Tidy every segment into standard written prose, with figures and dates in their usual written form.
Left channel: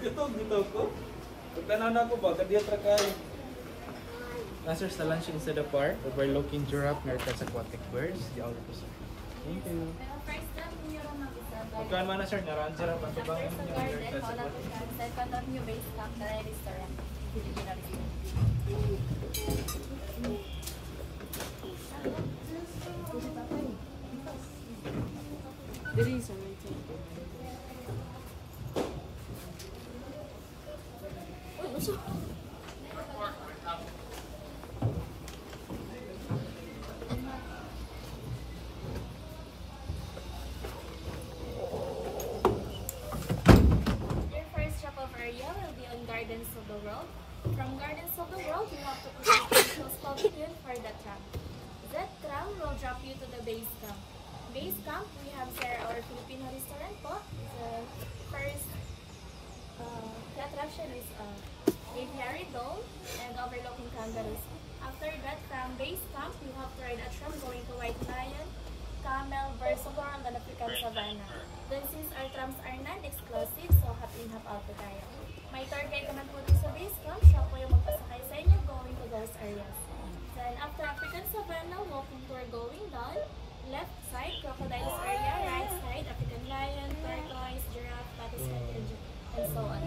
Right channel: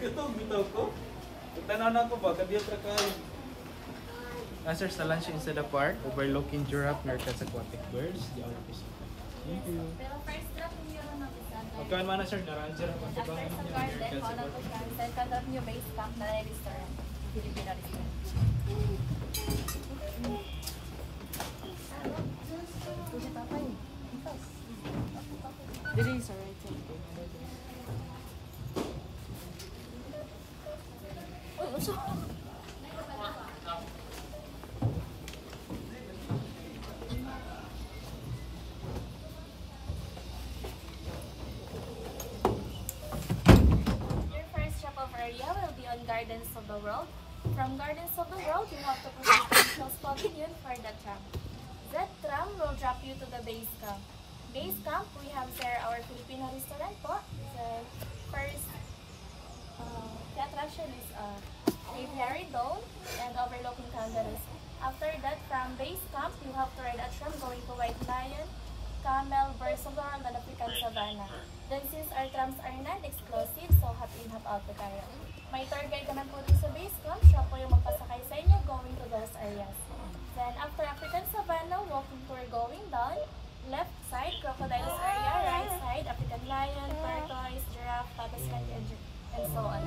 Kitong dito ko. Tananan ko ba kadiya tra kay. Nasir sa lunch inside the park, overlooking giraffe, meerkats, aquatic birds. Di all this. Thank you. Pero first lang niyo ron mag-isa. Pagkaan man na sir, naraan sila ang pagkabahan After niyo. sa garden, wala po sa second of new base camp na restaurant. Filipino restaurant. Dili sa right side. Uy, uso. Your first shop of area will be on Gardens of the World. From Gardens of the World, you have to proceed to Close Pavilion for the tram. That tram will drop you to the base camp. Base camp, we have here our Filipino restaurant po. The first attraction is Dave Harry Dome and overlooking kangaroos. After that, from base camp, you have to ride a tram going to White Lion, Camel, Versus World, and African Savannah. Then since our trams are non-exclusive, so happy in out to tayo. May tour guide naman po dun sa base camp, siya po yung magpasakay sa inyo going to those areas. Then after African Savannah, walking tour going down, left side, crocodiles area, right side, African lion, tortoise, giraffe, patuscan, and so on.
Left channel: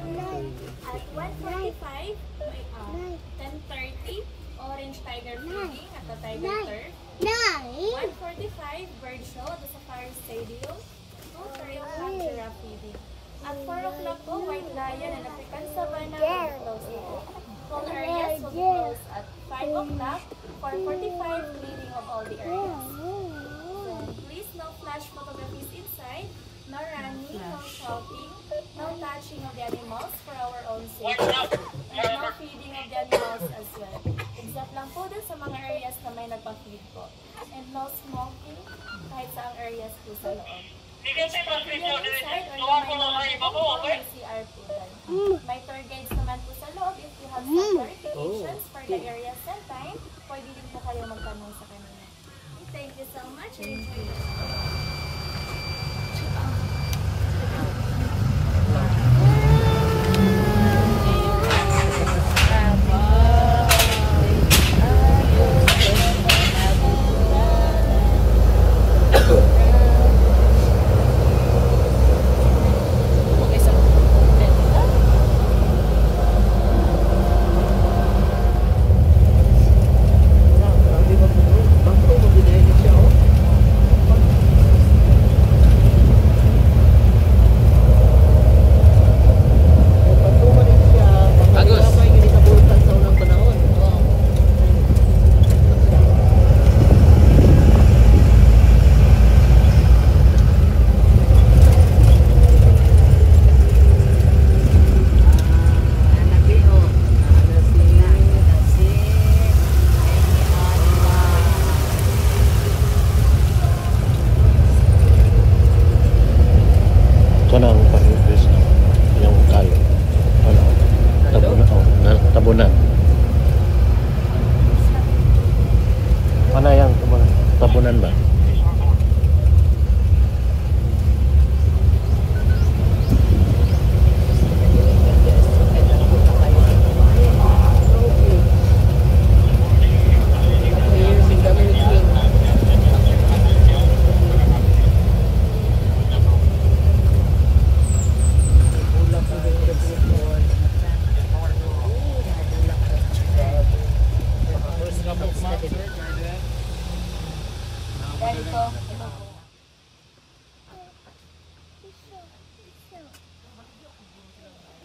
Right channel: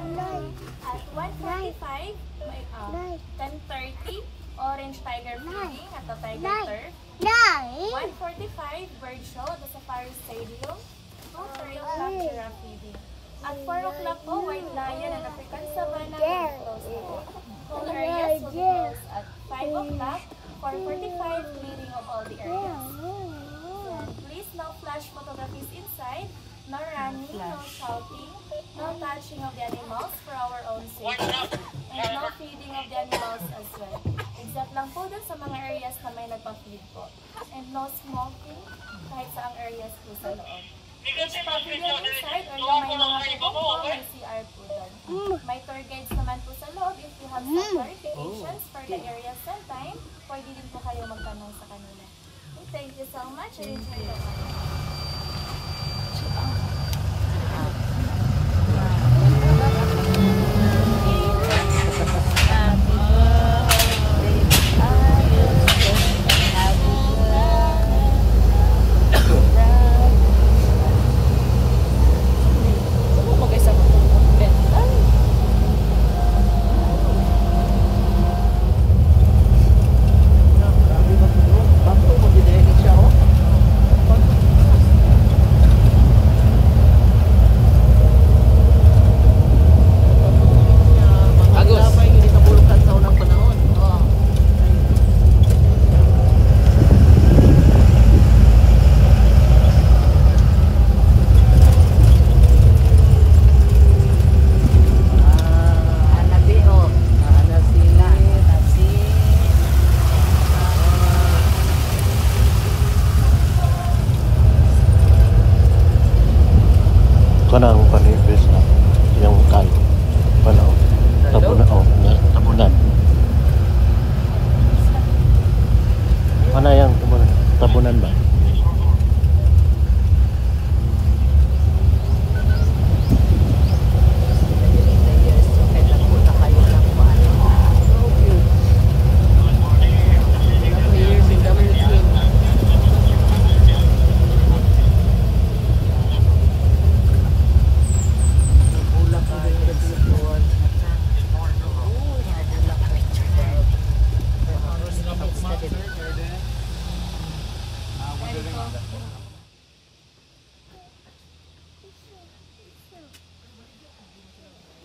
At 1:45, 10:30, orange tiger feeding at the tiger turf. 1:45, bird show at the Safari Stadium. 2:30 o'clock, giraffe feeding. At 4 o'clock po, white lion and African Savannah will close. All areas will close at 5 o'clock, 4:45, cleaning of all the areas. Please no flash photographies inside, no running, no shouting, no touching of the animals for our own safety, and no feeding of the animals as well. Except lang po dun sa mga areas na may nagpa-feed po. And no smoking kahit sa areas po sa loob. Each pavilion inside or yung may mga po, may CR po dun. May tour guides naman po sa loob if you want some clarifications for the areas and time, pwede din po kayo magtanong sa kanila. Thank you so much and enjoy the ride. Kanang panipis na yung talo. Tabunan. Ano yung tabunan? Tabunan ba?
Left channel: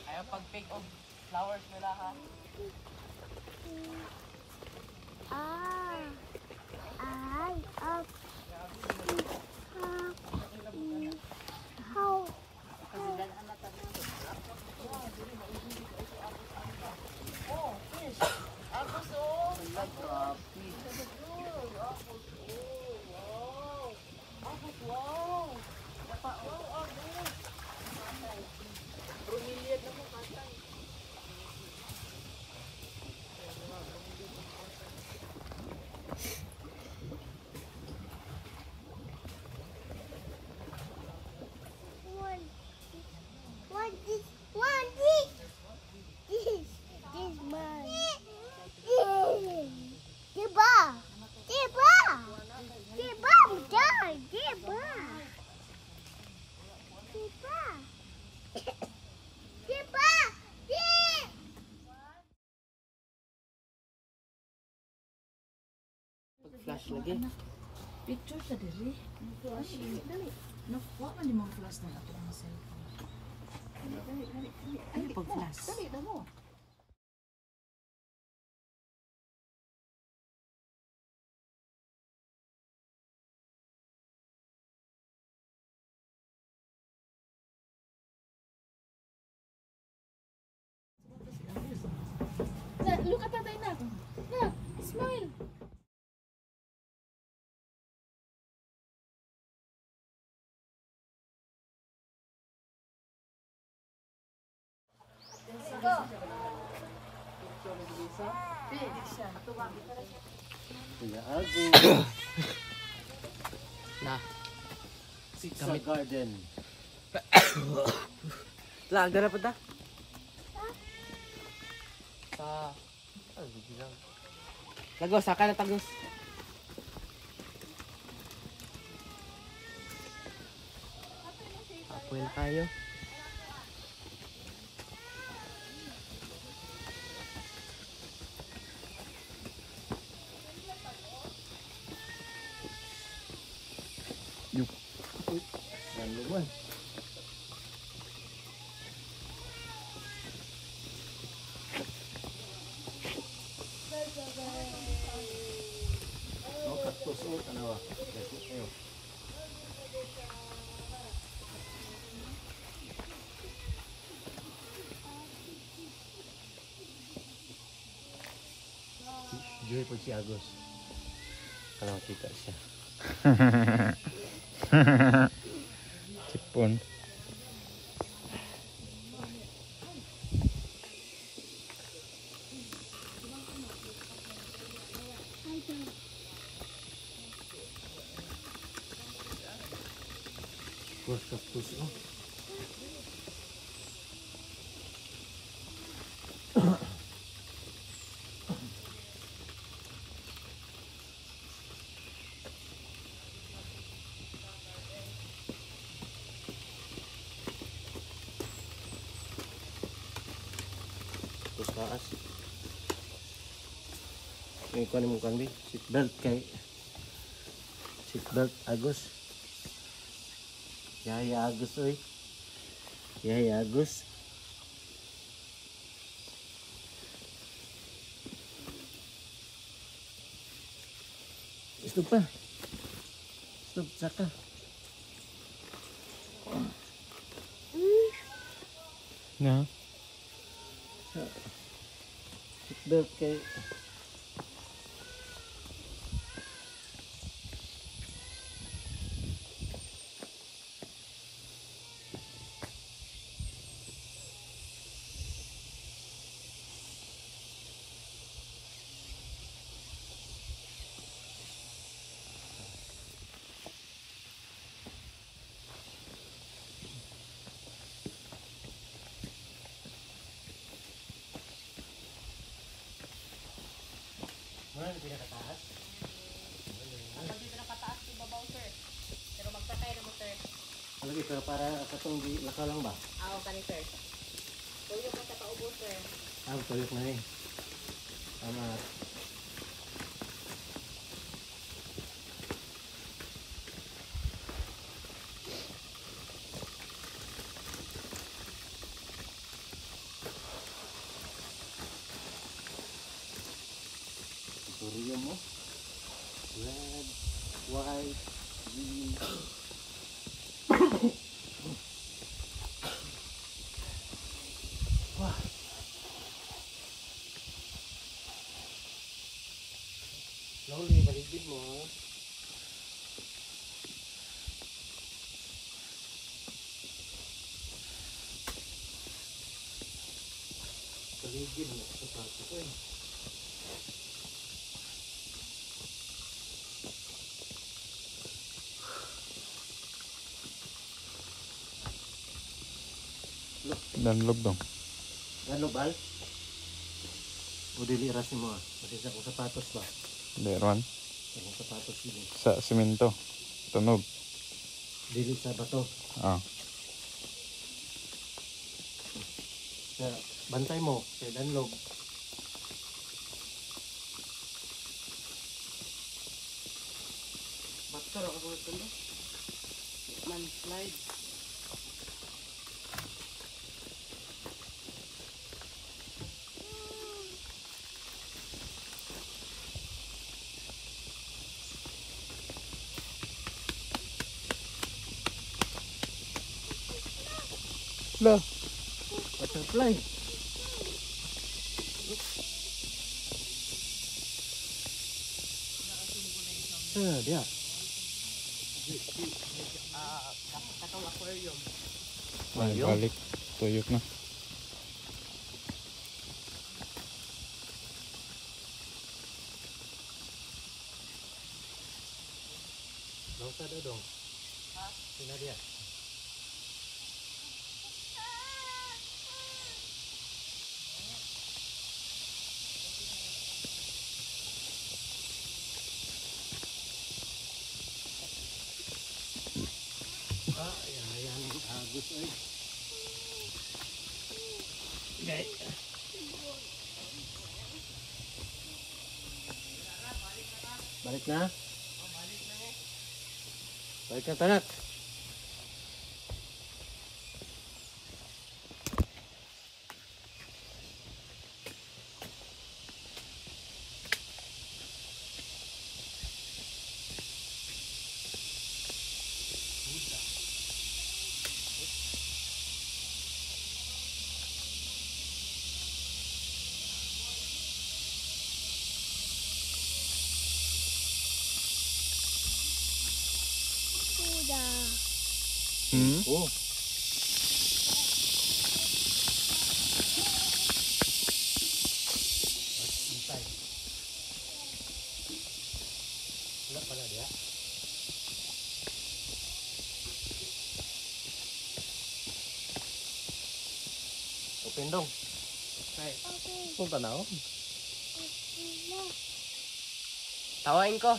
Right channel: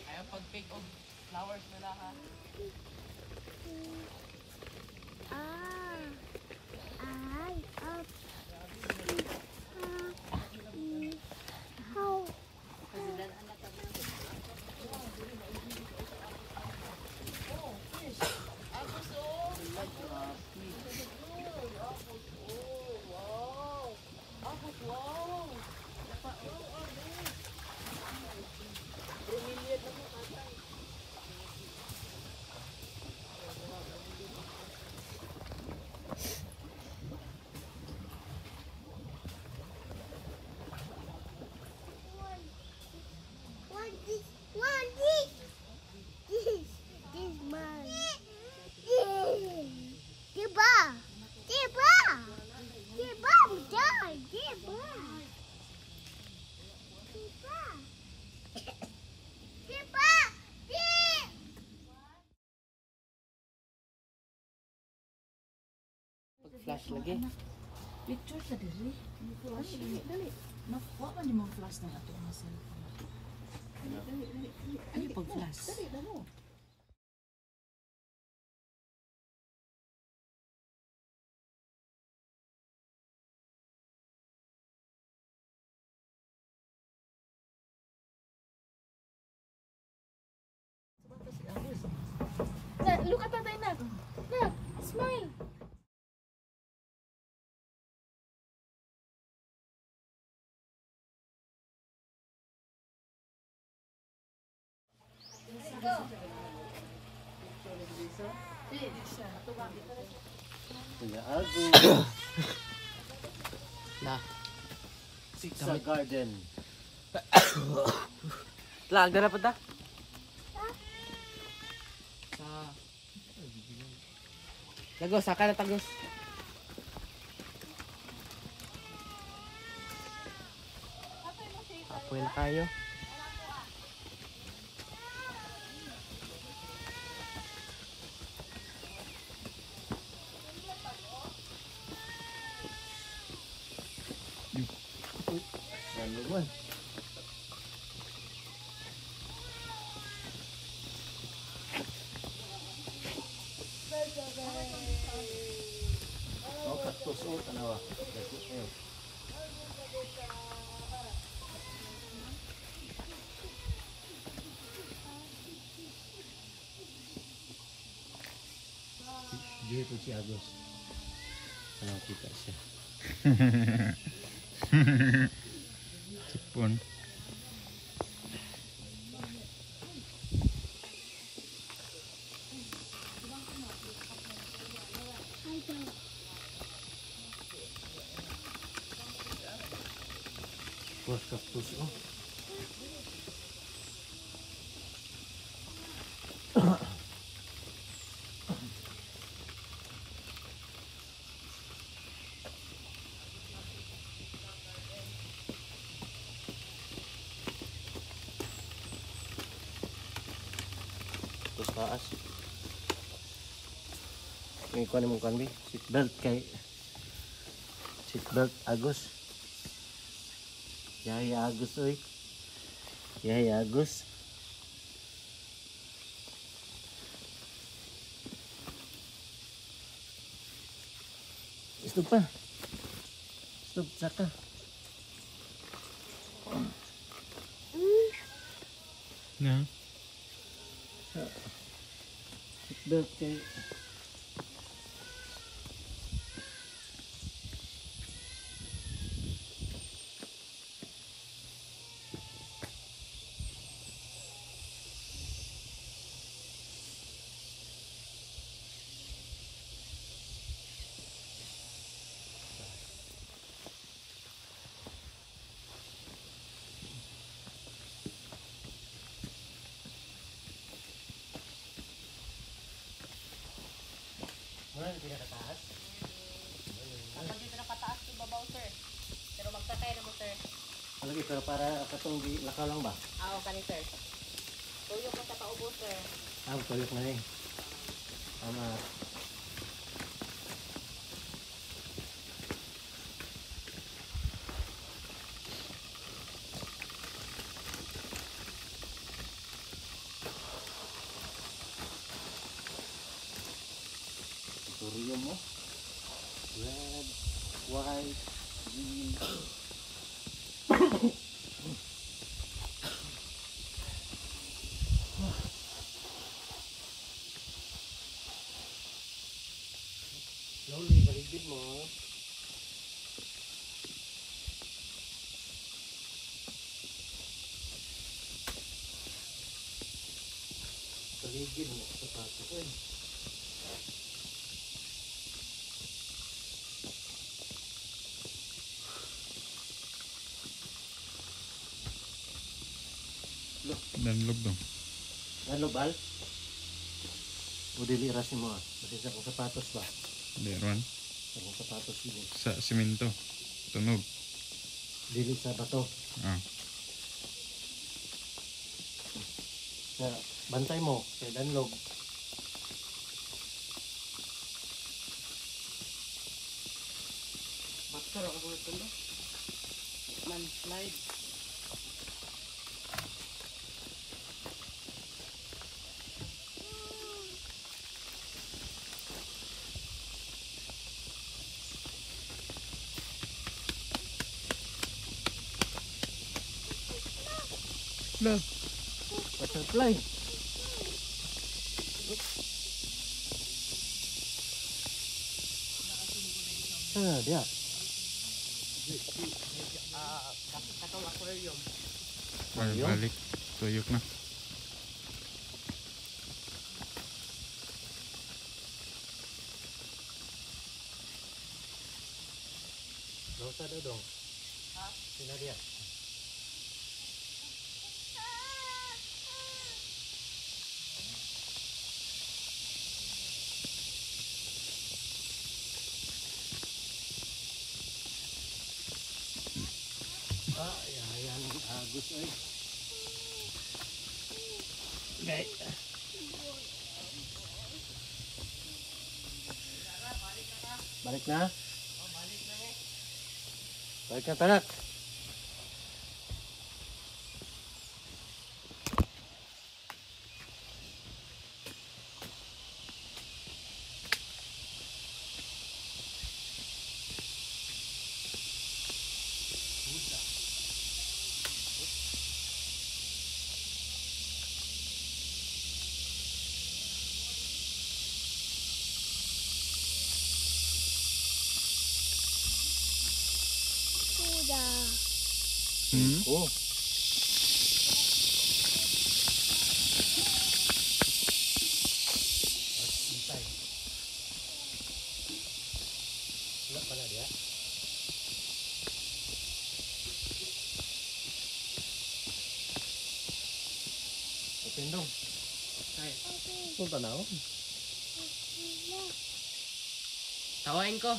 Ayaw pag-pick of flowers nila ha. flash lagi. Picture sa diri. Dali. Nakuha man yung mga flash na ato ang cellphone. Ano pag flash? Dali na mo. Look at tatay na. Na, smile. Kuya Ago. Na. Sa garden. Lag na pa ta. Lagos, saka na tagos. Apoy na kayo. Ano man? Oh, cactus. Oh, tanawa. Cactus. Ayun. Joy po si Agos. Ano kita siya? Sipon. Bos cactus. Oh. Terus taas. May kuha ni mong kanbi. Seatbelt kay seatbelt Agos. Yaya Agos oy. Yaya Agos. Stop pa. Stop saka. Na. Seatbelt kay Wala na pinakataas. Kapag dito nakataas yung babaw, sir. Pero magtatay na mo, sir. Lagi pero para katong di lakaw lang ba? Oo, kani, sir. Tuyok mo sa paubo, sir. Tuyok na eh. Tama. Tutorial mo. Red, white, green. Slowly, baligid mo. Baligid mo. Sapatos eh. Danlog dong. Ano bal? O dili rasin mo ah. Kasi sa kong sapatos ba? Meron. Sa kong sapatos dili. Sa simento. Tunog. Dili sa bato. Ah. Sa bantay mo. Sa danlog. Pero ako ito no? Man slide. Lo. Butterfly. Ah, dia. Katong aquarium. Ay, Ayun. balik. Tuyok na. Nausa daw dong. Ha? Sina dia. Ah, yan, agus ay. Okay. Balik na? Balik na tanak. Hmm? Oh. Wala pala dia. Open dong. Punta na oh. Tawain ko.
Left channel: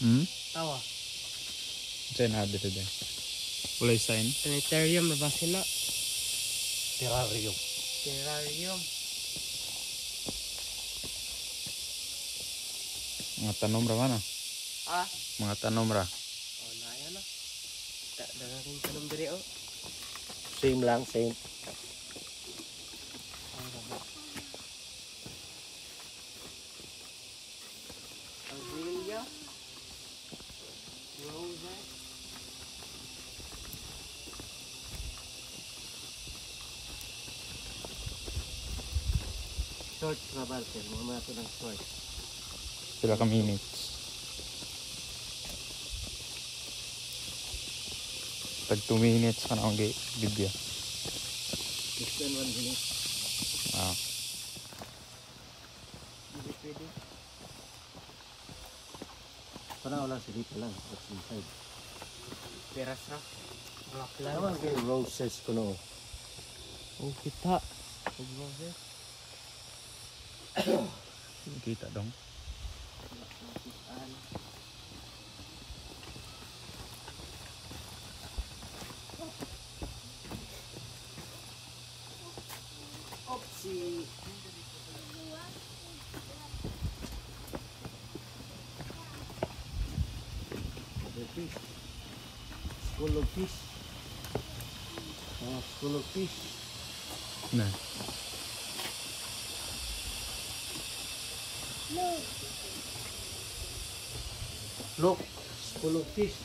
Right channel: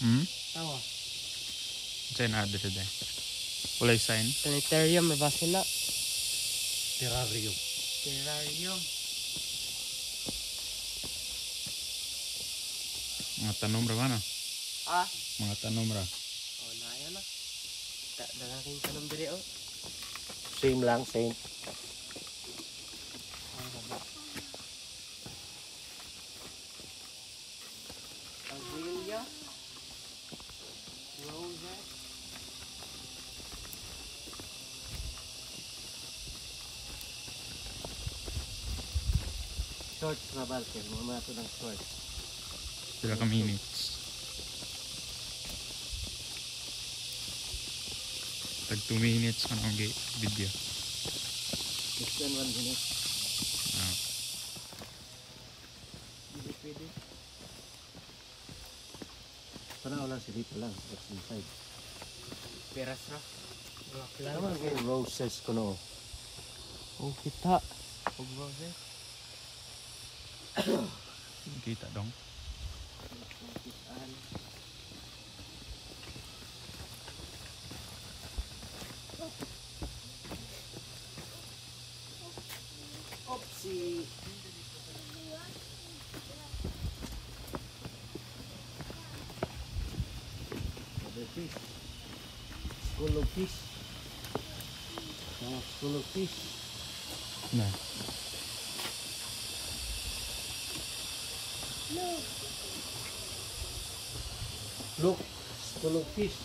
Hmm? Tawa. Diyan na dito din. Ulay sign. Sanitarium na ba sila? Terrarium. Terrarium. Mga tanom ra man ah. Ah. Mga tanom ra. Oh, naya na. Dalaking tanong diri oh. Same lang, same. Azalea. Roses. Short travel sir. Mga ito ng short. Pila ka minutes. Tag 2 minutes ka na ang video. Less than 1 minute. Ah. Hindi pwede. Parang wala si Rita lang. That's inside. Peras ra. Rock lang. Naman kayo roses ko no. Oh, kita. Og roses. Kita dong. Saan? Opsi. The fish. School of fish. School of fish. Na. Look. School of fish.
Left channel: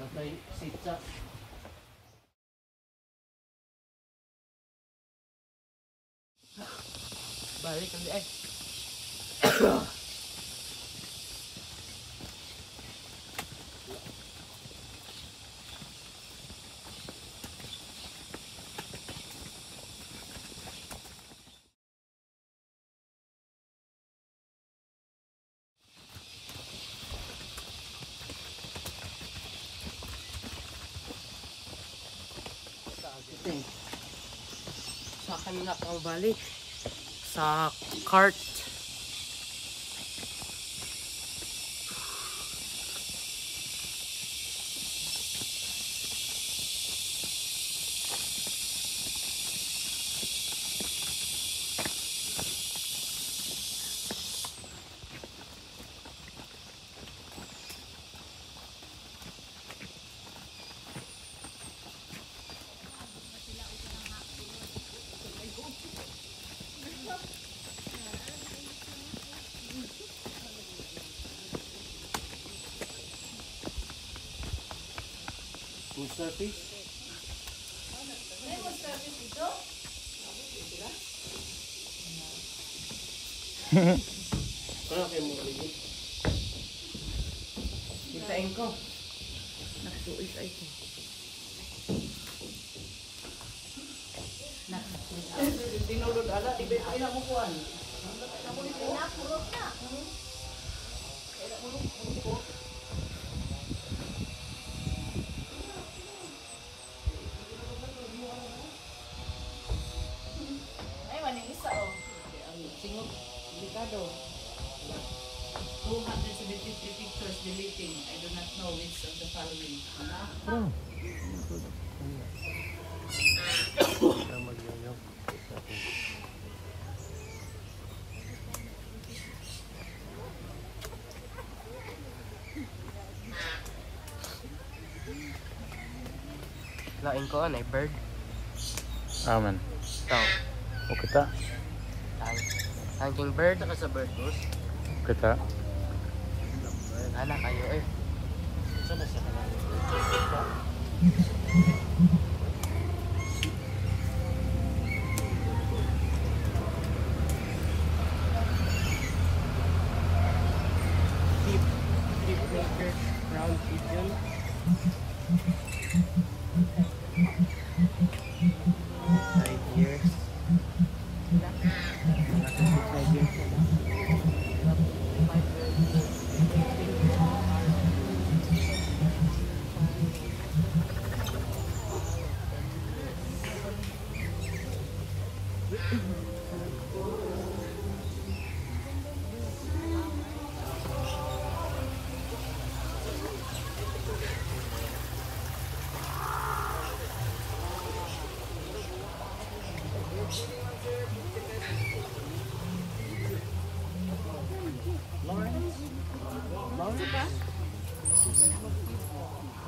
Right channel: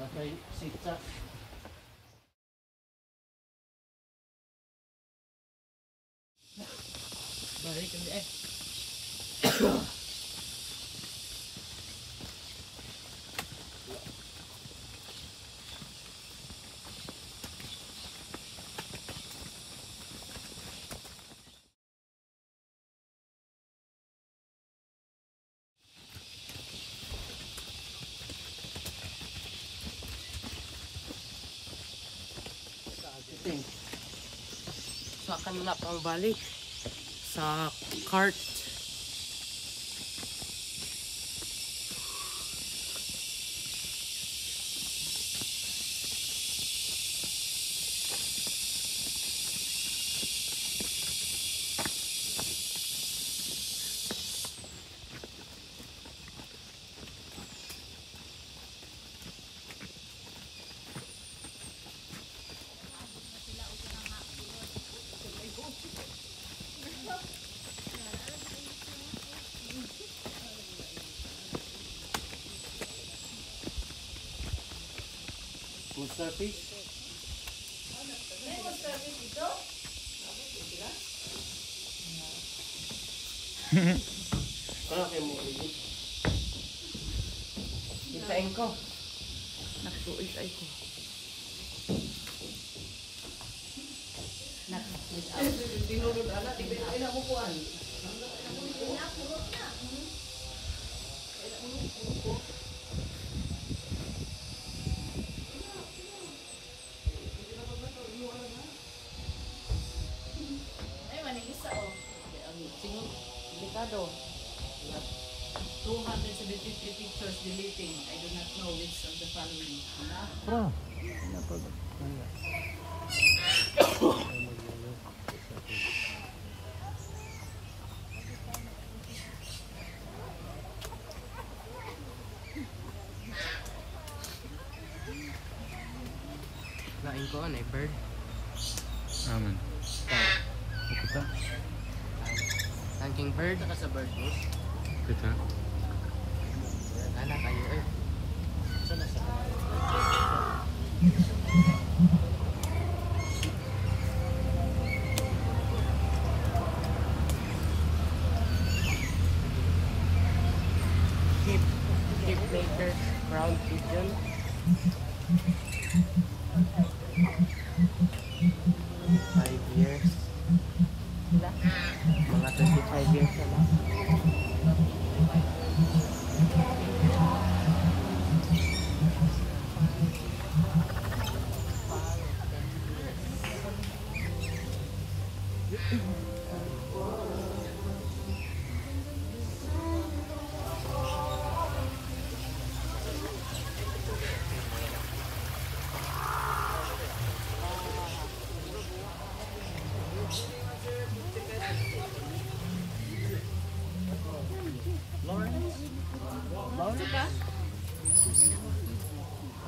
Tatay sitsa. Balik ulit eh. Sa kanina pang balik. Sa cart. starfish. Kaya kayo mo ulit. Isain ko. Nagsuisay ko. Ay, manilisa oh. Singok, delikado. 273 pictures deleting. I do not know which of the following. Ah. Lain ko, ano bird. Amen. Tao. O kita. Ang king bird. Saka sa bird mo. Kita. Anak kayo eh. Hip maker crown pigeon. 5 years. Mga 25 years na lang.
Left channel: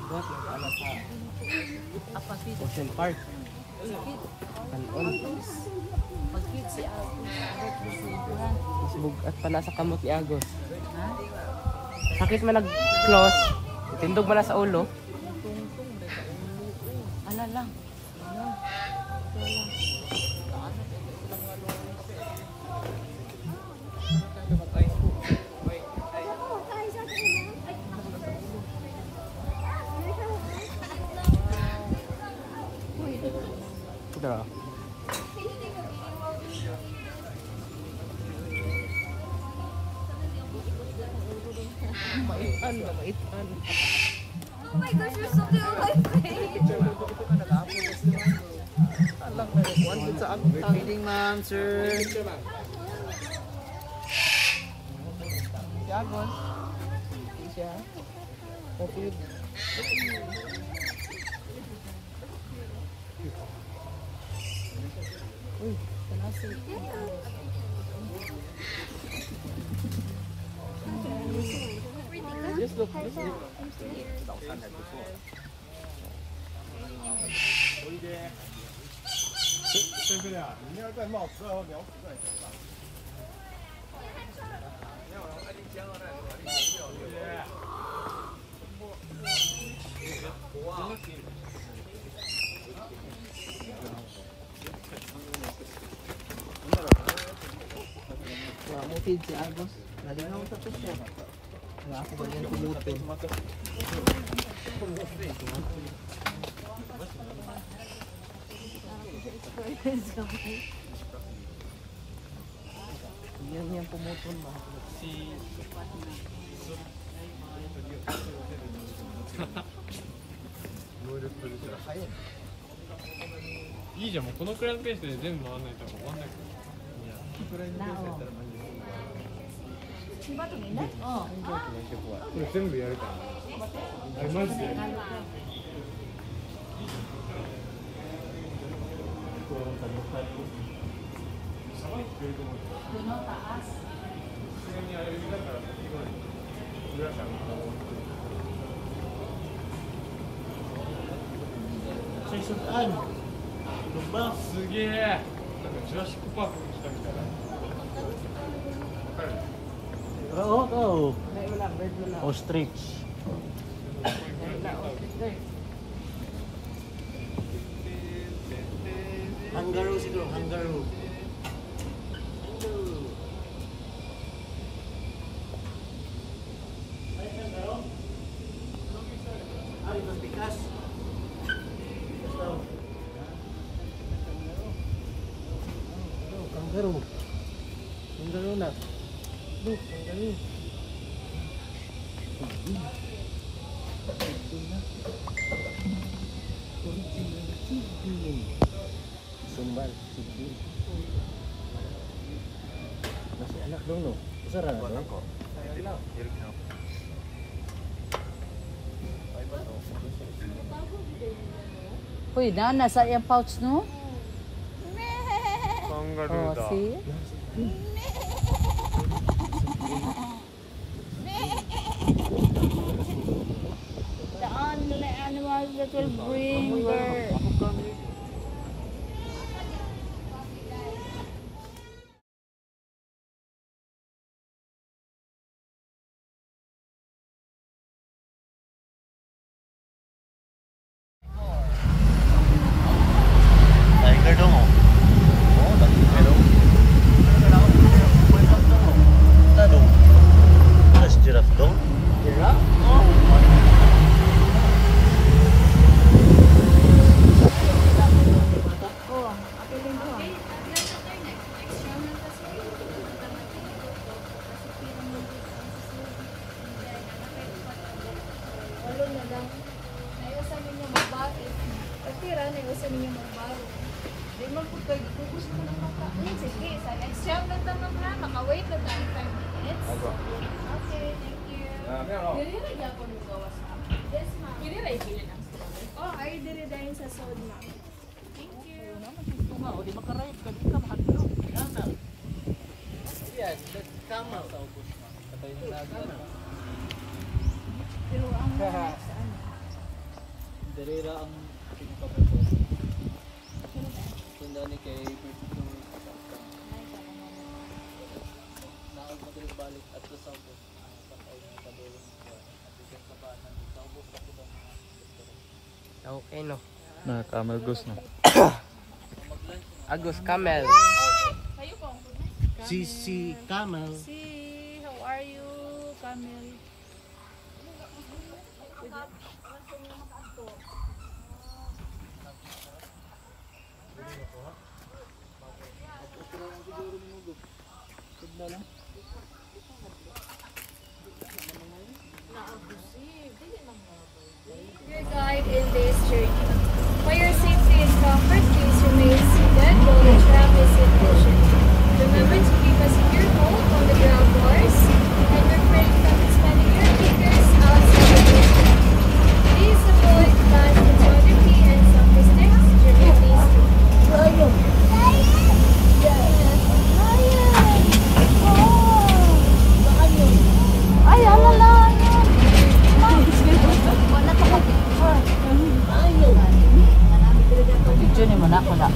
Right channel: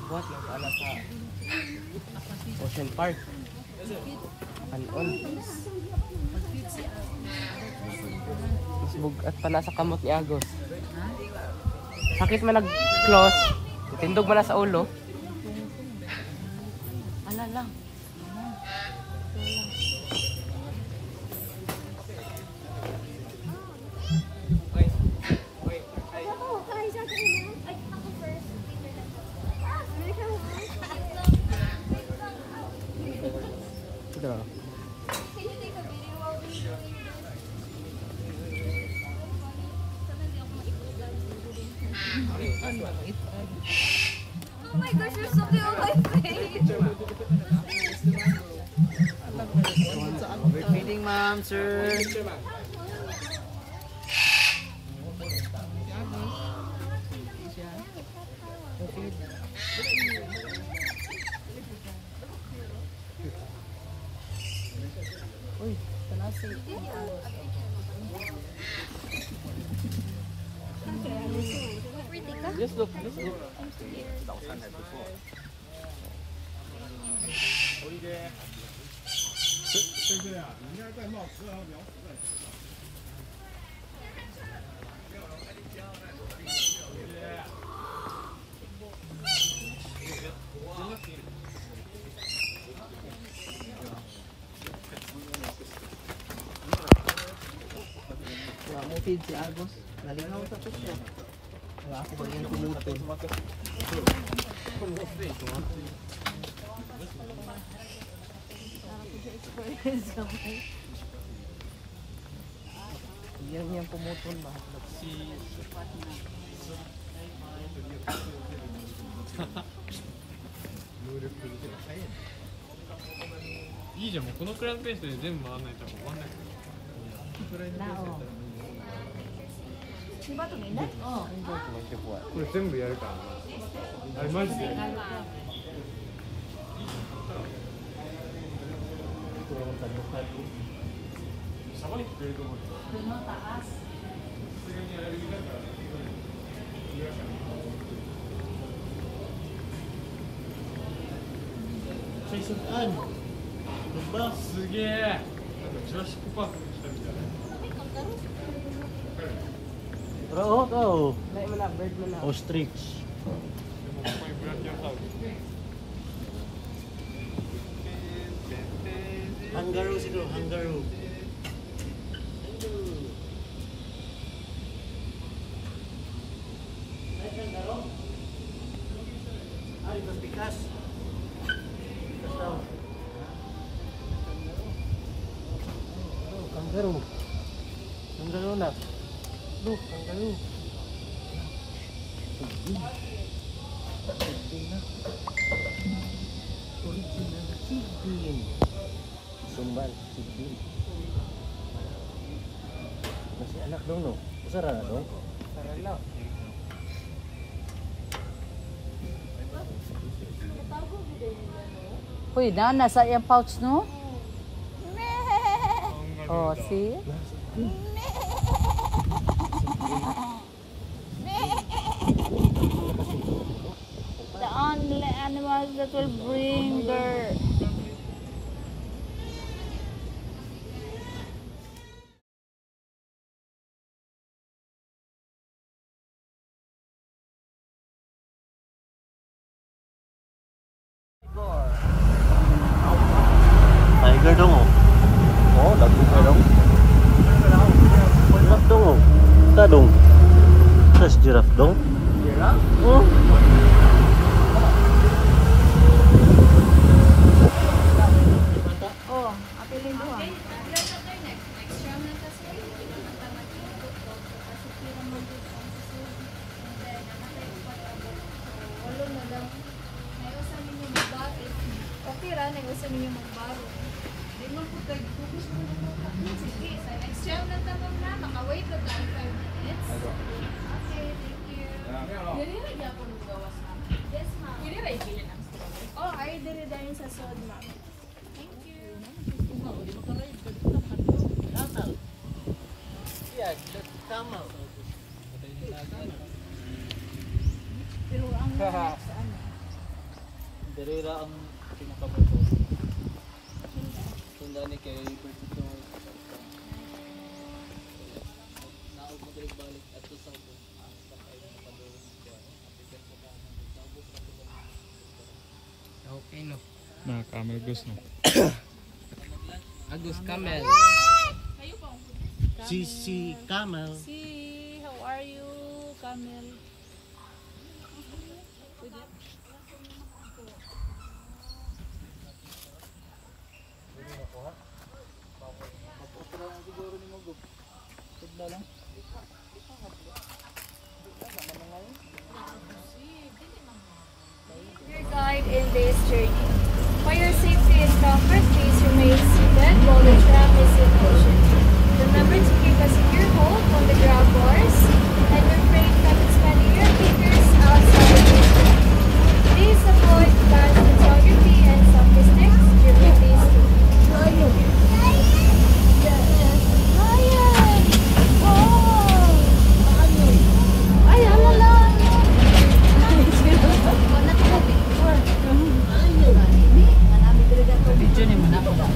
Buat nag-ala sa Ocean Park. Kanon. Mas bugat pa na sa kamot ni Agos. Sakit man nag-close. Tindog man na sa ulo. Ala lang. Sudah. Oh my gosh, you're something on my face. Meeting, ma'am, sir. Just look, just look. Wala mo feed si Agos. Nalingaw sa to siya. Wala ako ba yan kumutol. Yan yung pumutol ba? Si... いいじゃん、もうこのくらいのペースで全部回らないと終わんないから。これ全部やるから。あれマジで。さばいてくれると思うよ。すげえ。なんかジュラシックパークに来たみたいな。わかる？ Oh, Dahil mo na, bird mo na. ostrich. Kangaroo siguro, kangaroo. Ay, mas bigas. Kangaroo. Kangaroo na. Look, kangaroo. Original chicken. Sumbal, chicken. Masih anak dong, no? Usara na dong? Uy, nasa yung pouch, no? Oh, see? The only animals that will bring their... Tiger dong, oh. Oh, tiger dong. Giraffe dong, oh. Ita dong. Mas giraffe dong. Giraffe? Oh. Oh, apilin mo. Walo na lang. Naiwasan ninyo magbaro. Katira, naiwasan ninyo magbaro. Di man po kayo gusto nyo makain. Sige, sa next jam na tanong na. Maka-wait na tayo 5 minutes. Okay, thank you. Dili ra po nung gawas na. Yes, ma'am. Dili ra ibili ng strawberries. Oh, ay dili dahil sa sod, ma'am. Thank you. O, di makarayod ka dito, makatlo. Yeah, that's camel. Pero ang sa ano? Derera ang pinakapatos. Tunda ni kay Bertito. Naog magbalik at sa South. Okay, no? Na camel goose no. Agus, camel. Si camel. Si, how are you, Camille? Your guide in this journey. For your safety and comfort, please remain seated while the tram is in motion. Remember to keep a secure hold on the grab bars and refrain from expanding your fingers outside the distance. Please avoid bad photography and selfie sticks during these tours. Ay, alala! Video ni mo na ako na.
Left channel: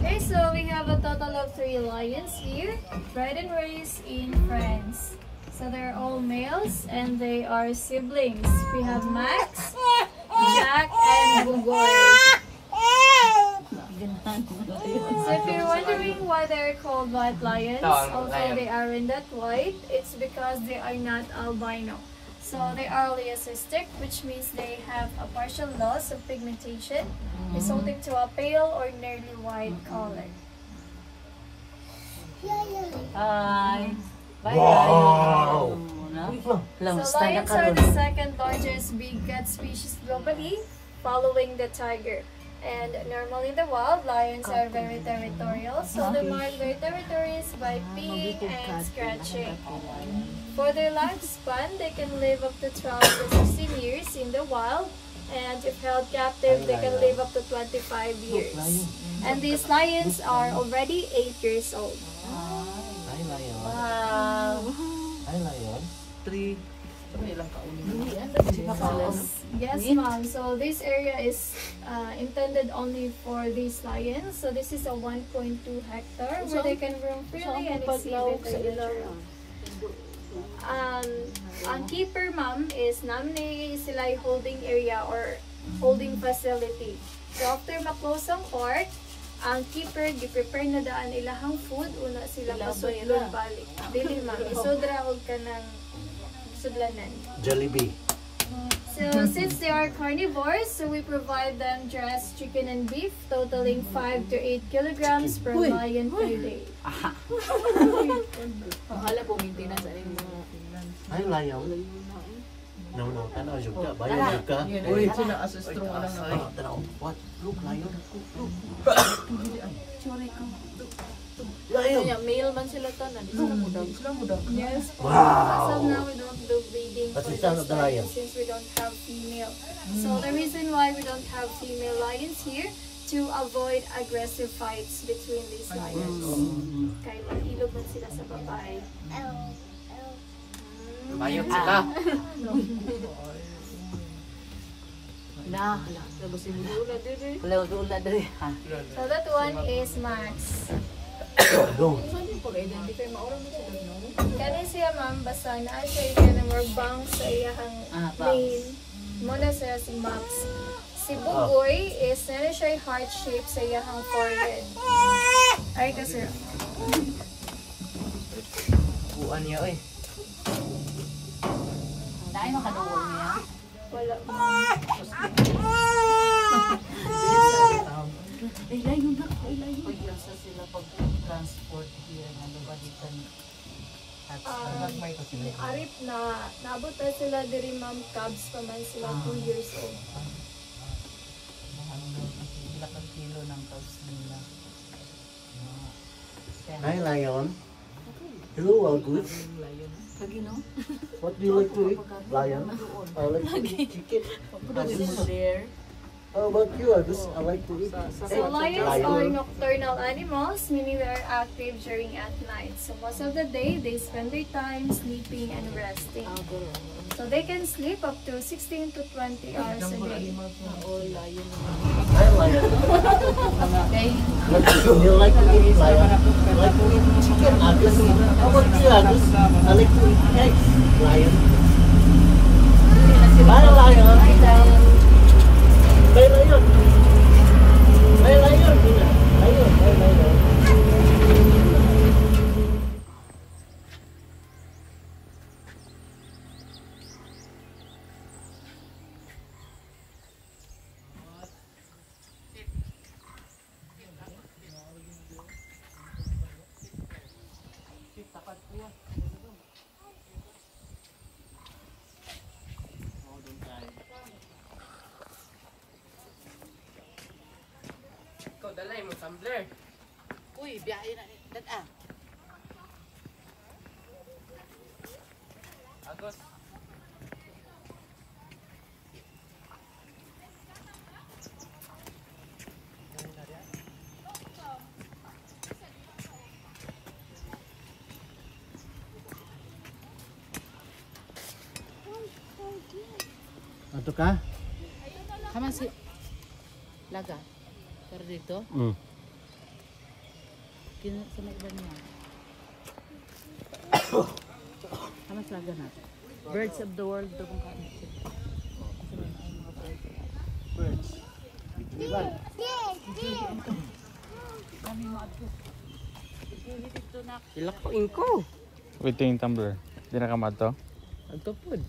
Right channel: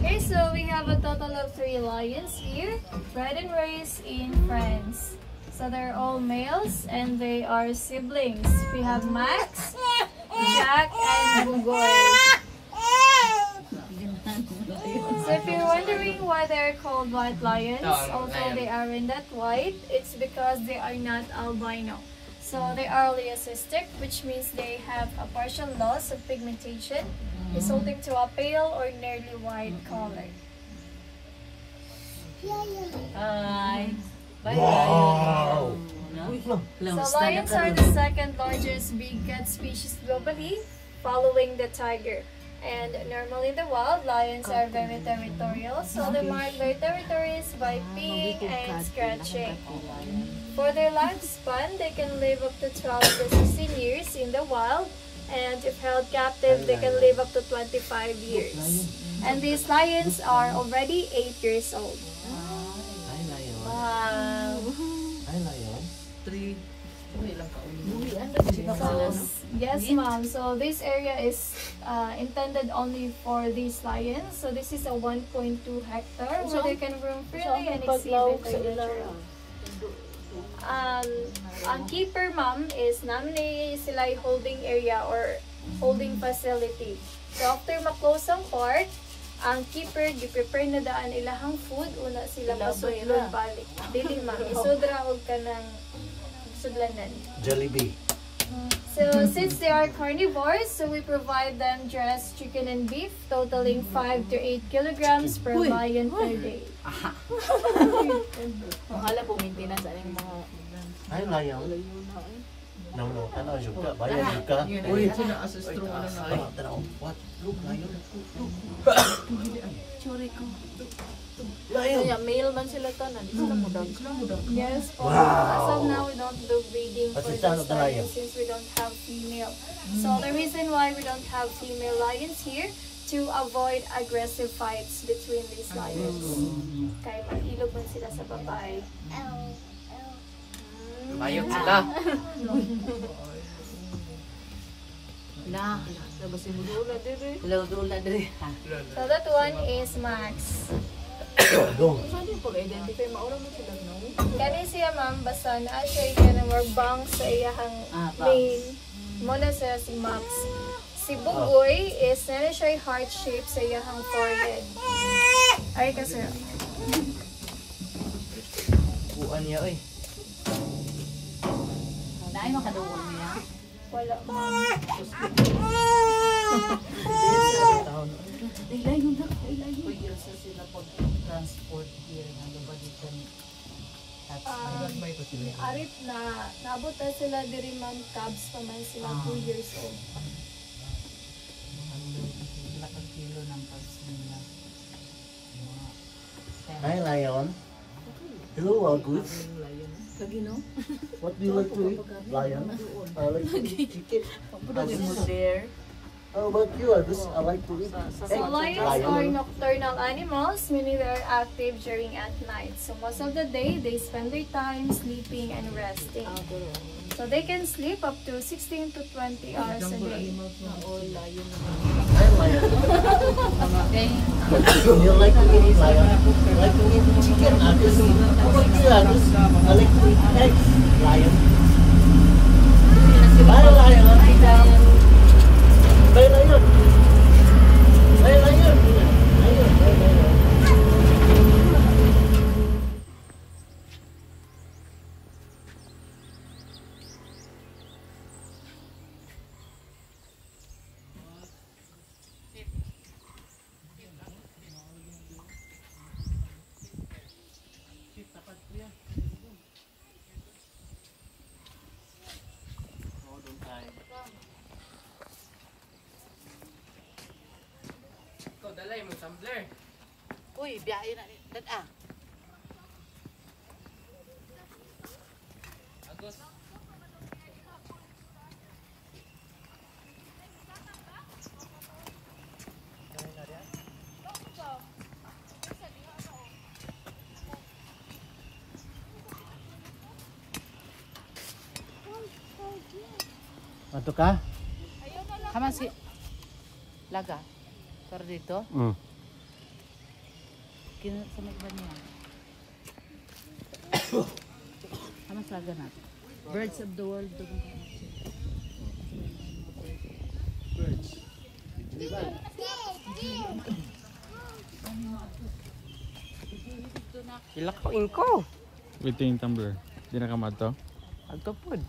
Okay, so we have a total of 3 lions here, bred and raised in France. So they're all males and they are siblings. We have Max, Jack, and Bugoy. So if you're wondering why they're called white lions, although they aren't that white, it's because they are not albino. So they are leucistic, which means they have a partial loss of pigmentation, resulting to a pale or nearly white color. Hi. Bye. Wow! So lions are the second largest big cat species globally, following the tiger. And normally in the wild, lions are very territorial, so they mark their territories by peeing and scratching. For their lifespan, they can live up to 12 to 16 years in the wild, and if held captive, they can live up to 25 years. And these lions are already 8 years old. Ay, lion. Wow. Ay, lion. 3. Yes, ma'am. So this area is intended only for these lions. So this is a 1.2 hectare where they can roam freely and exhibit their nature. Ang keeper, ma'am, is namni sila holding area or holding facility. So after ma-close ang court, ang keeper gi-prepare na daan ilahang food una sila pasudlon balik. Dili, ma'am, isudra og kanang sudlanan. Jollibee. So since they are carnivores, so we provide them dressed chicken and beef, totaling 5 to 8 kilograms per lion per day. Hala po maintenance aning mga Ay, lion. No, tanaw jud ka. Bayan jud ka. Uy, sila as strong lang na. Tanaw. What? Look, lion. churi ko. Lion. Kaya male man sila tanan. Sila mo daw. Yes, po. Wow. As of now, we don't do breeding for That's the this sound of the lion. lion since we don't have female. So the reason why we don't have female lions here to avoid aggressive fights between these lions. Kaya mag-ilog man sila sa babae. Bayot sila. Na, labas si Budula diri. Budula diri. So that one is Max. Go. Saan din pag-identify maura mo sila no? Kani siya, ma'am, basta na siya yung more bang sa iyahang main. Muna siya si Max. Si Bugoy is na siya yung heart shape sa iyahang forehead. Ay, kasi. Buan niya, oy. Naay makaduwal niya. Wala. Ilayon na. Pwede sa sila pag-transport here ng lubalitan. Arip na naabot na sila diri, ma'am, Cubs pa man sila 2 years old. Lakang kilo ng cubs nila. Hi, lion. Hello, all good. Lagi no? What do you like to eat? Lion. I like to eat chicken. Pagkakit mo there. How about you, Agus? I like to eat So lions are nocturnal animals, meaning they are active during at night. So most of the day, they spend their time sleeping and resting. So they can sleep up to 16 to 20 hours a day. Hi, lion. Do you like to eat lion? I like to eat chicken, Agus. How about you, Agus? I like to eat eggs, lion. Hi, lion. Bye, lion. Bye, lion. Lion, bye, lion. Ikaw, dalay mo, tumbler. Uy, biyahe na. Dad Agos. Ato ka? Haman si Laga. Pero dito, sumit ba niya? Haman si Laga na. Birds of the world. Ito kung kain. Birds. Ilak ko inko. Wait yung tumbler. Di na kamad to? Agtopod.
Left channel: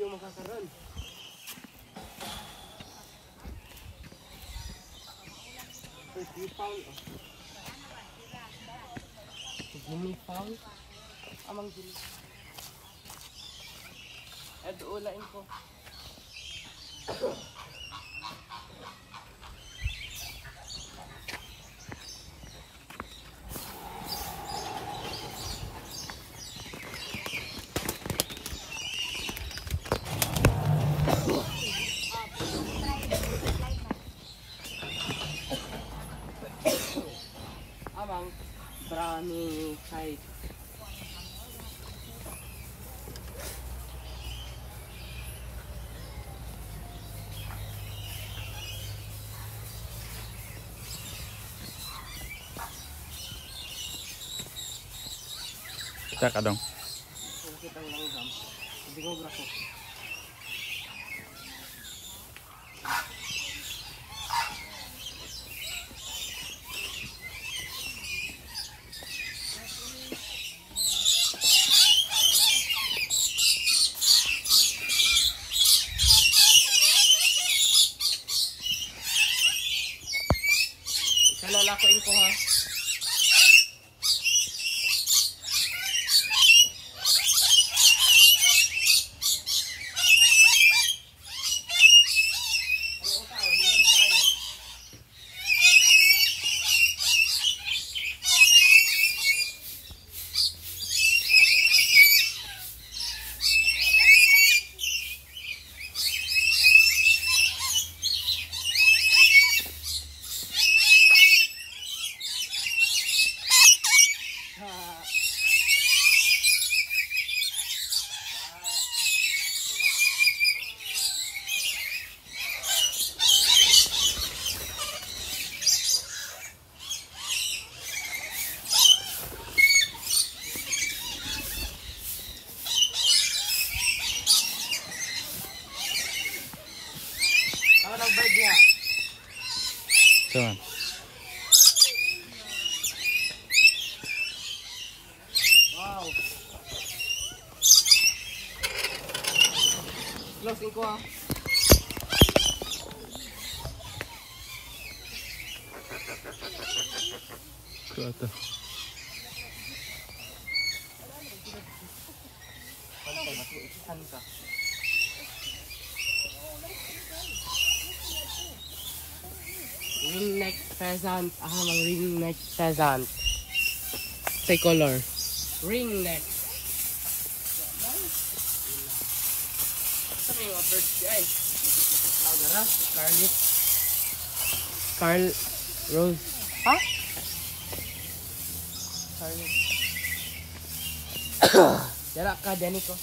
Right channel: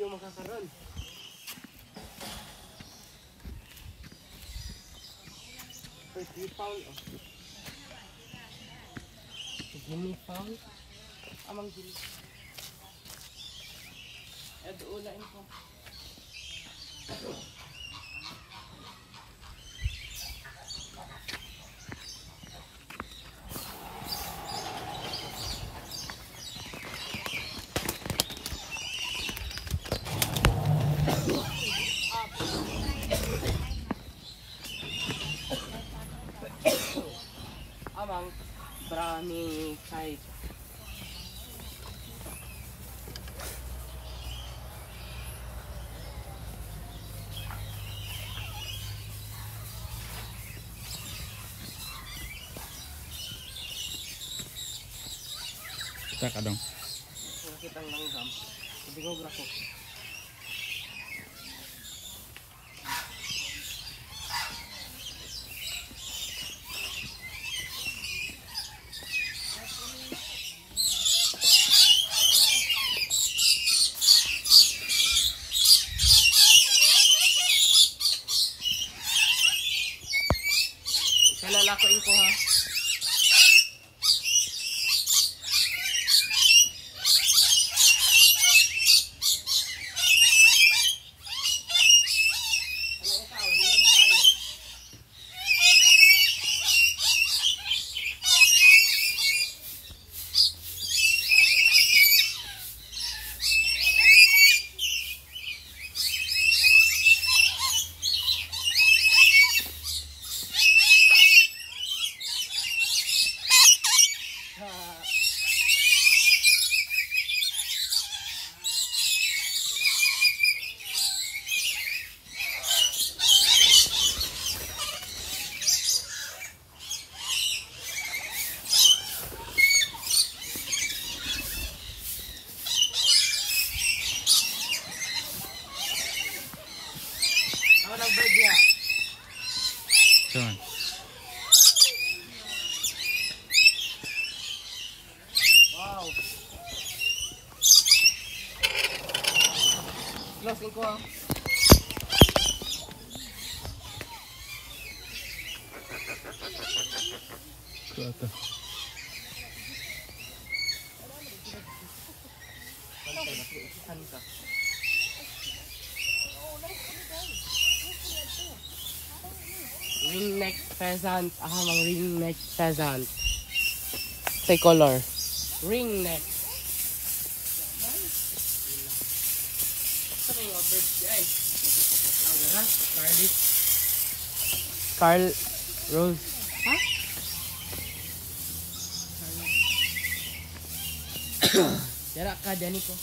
video makakaroon. We found Gini found amang gini. Ulain ko. Amang brownie cake. Kita ka dong. Nakita ang langgam. Sabi ko brako. Lalakoin ko ha. Ako nag-bird niya. Saan? Wow. Closing ko ha. Ito ata. Pantay, matiisan ka. Ringneck pheasant. Ahamang ringneck pheasant. Say color. Ringneck. Ano yung mga birds yan? Agara? Scarlet. Carl Rose. Ha? Scarlet. Yara ka, Daniko.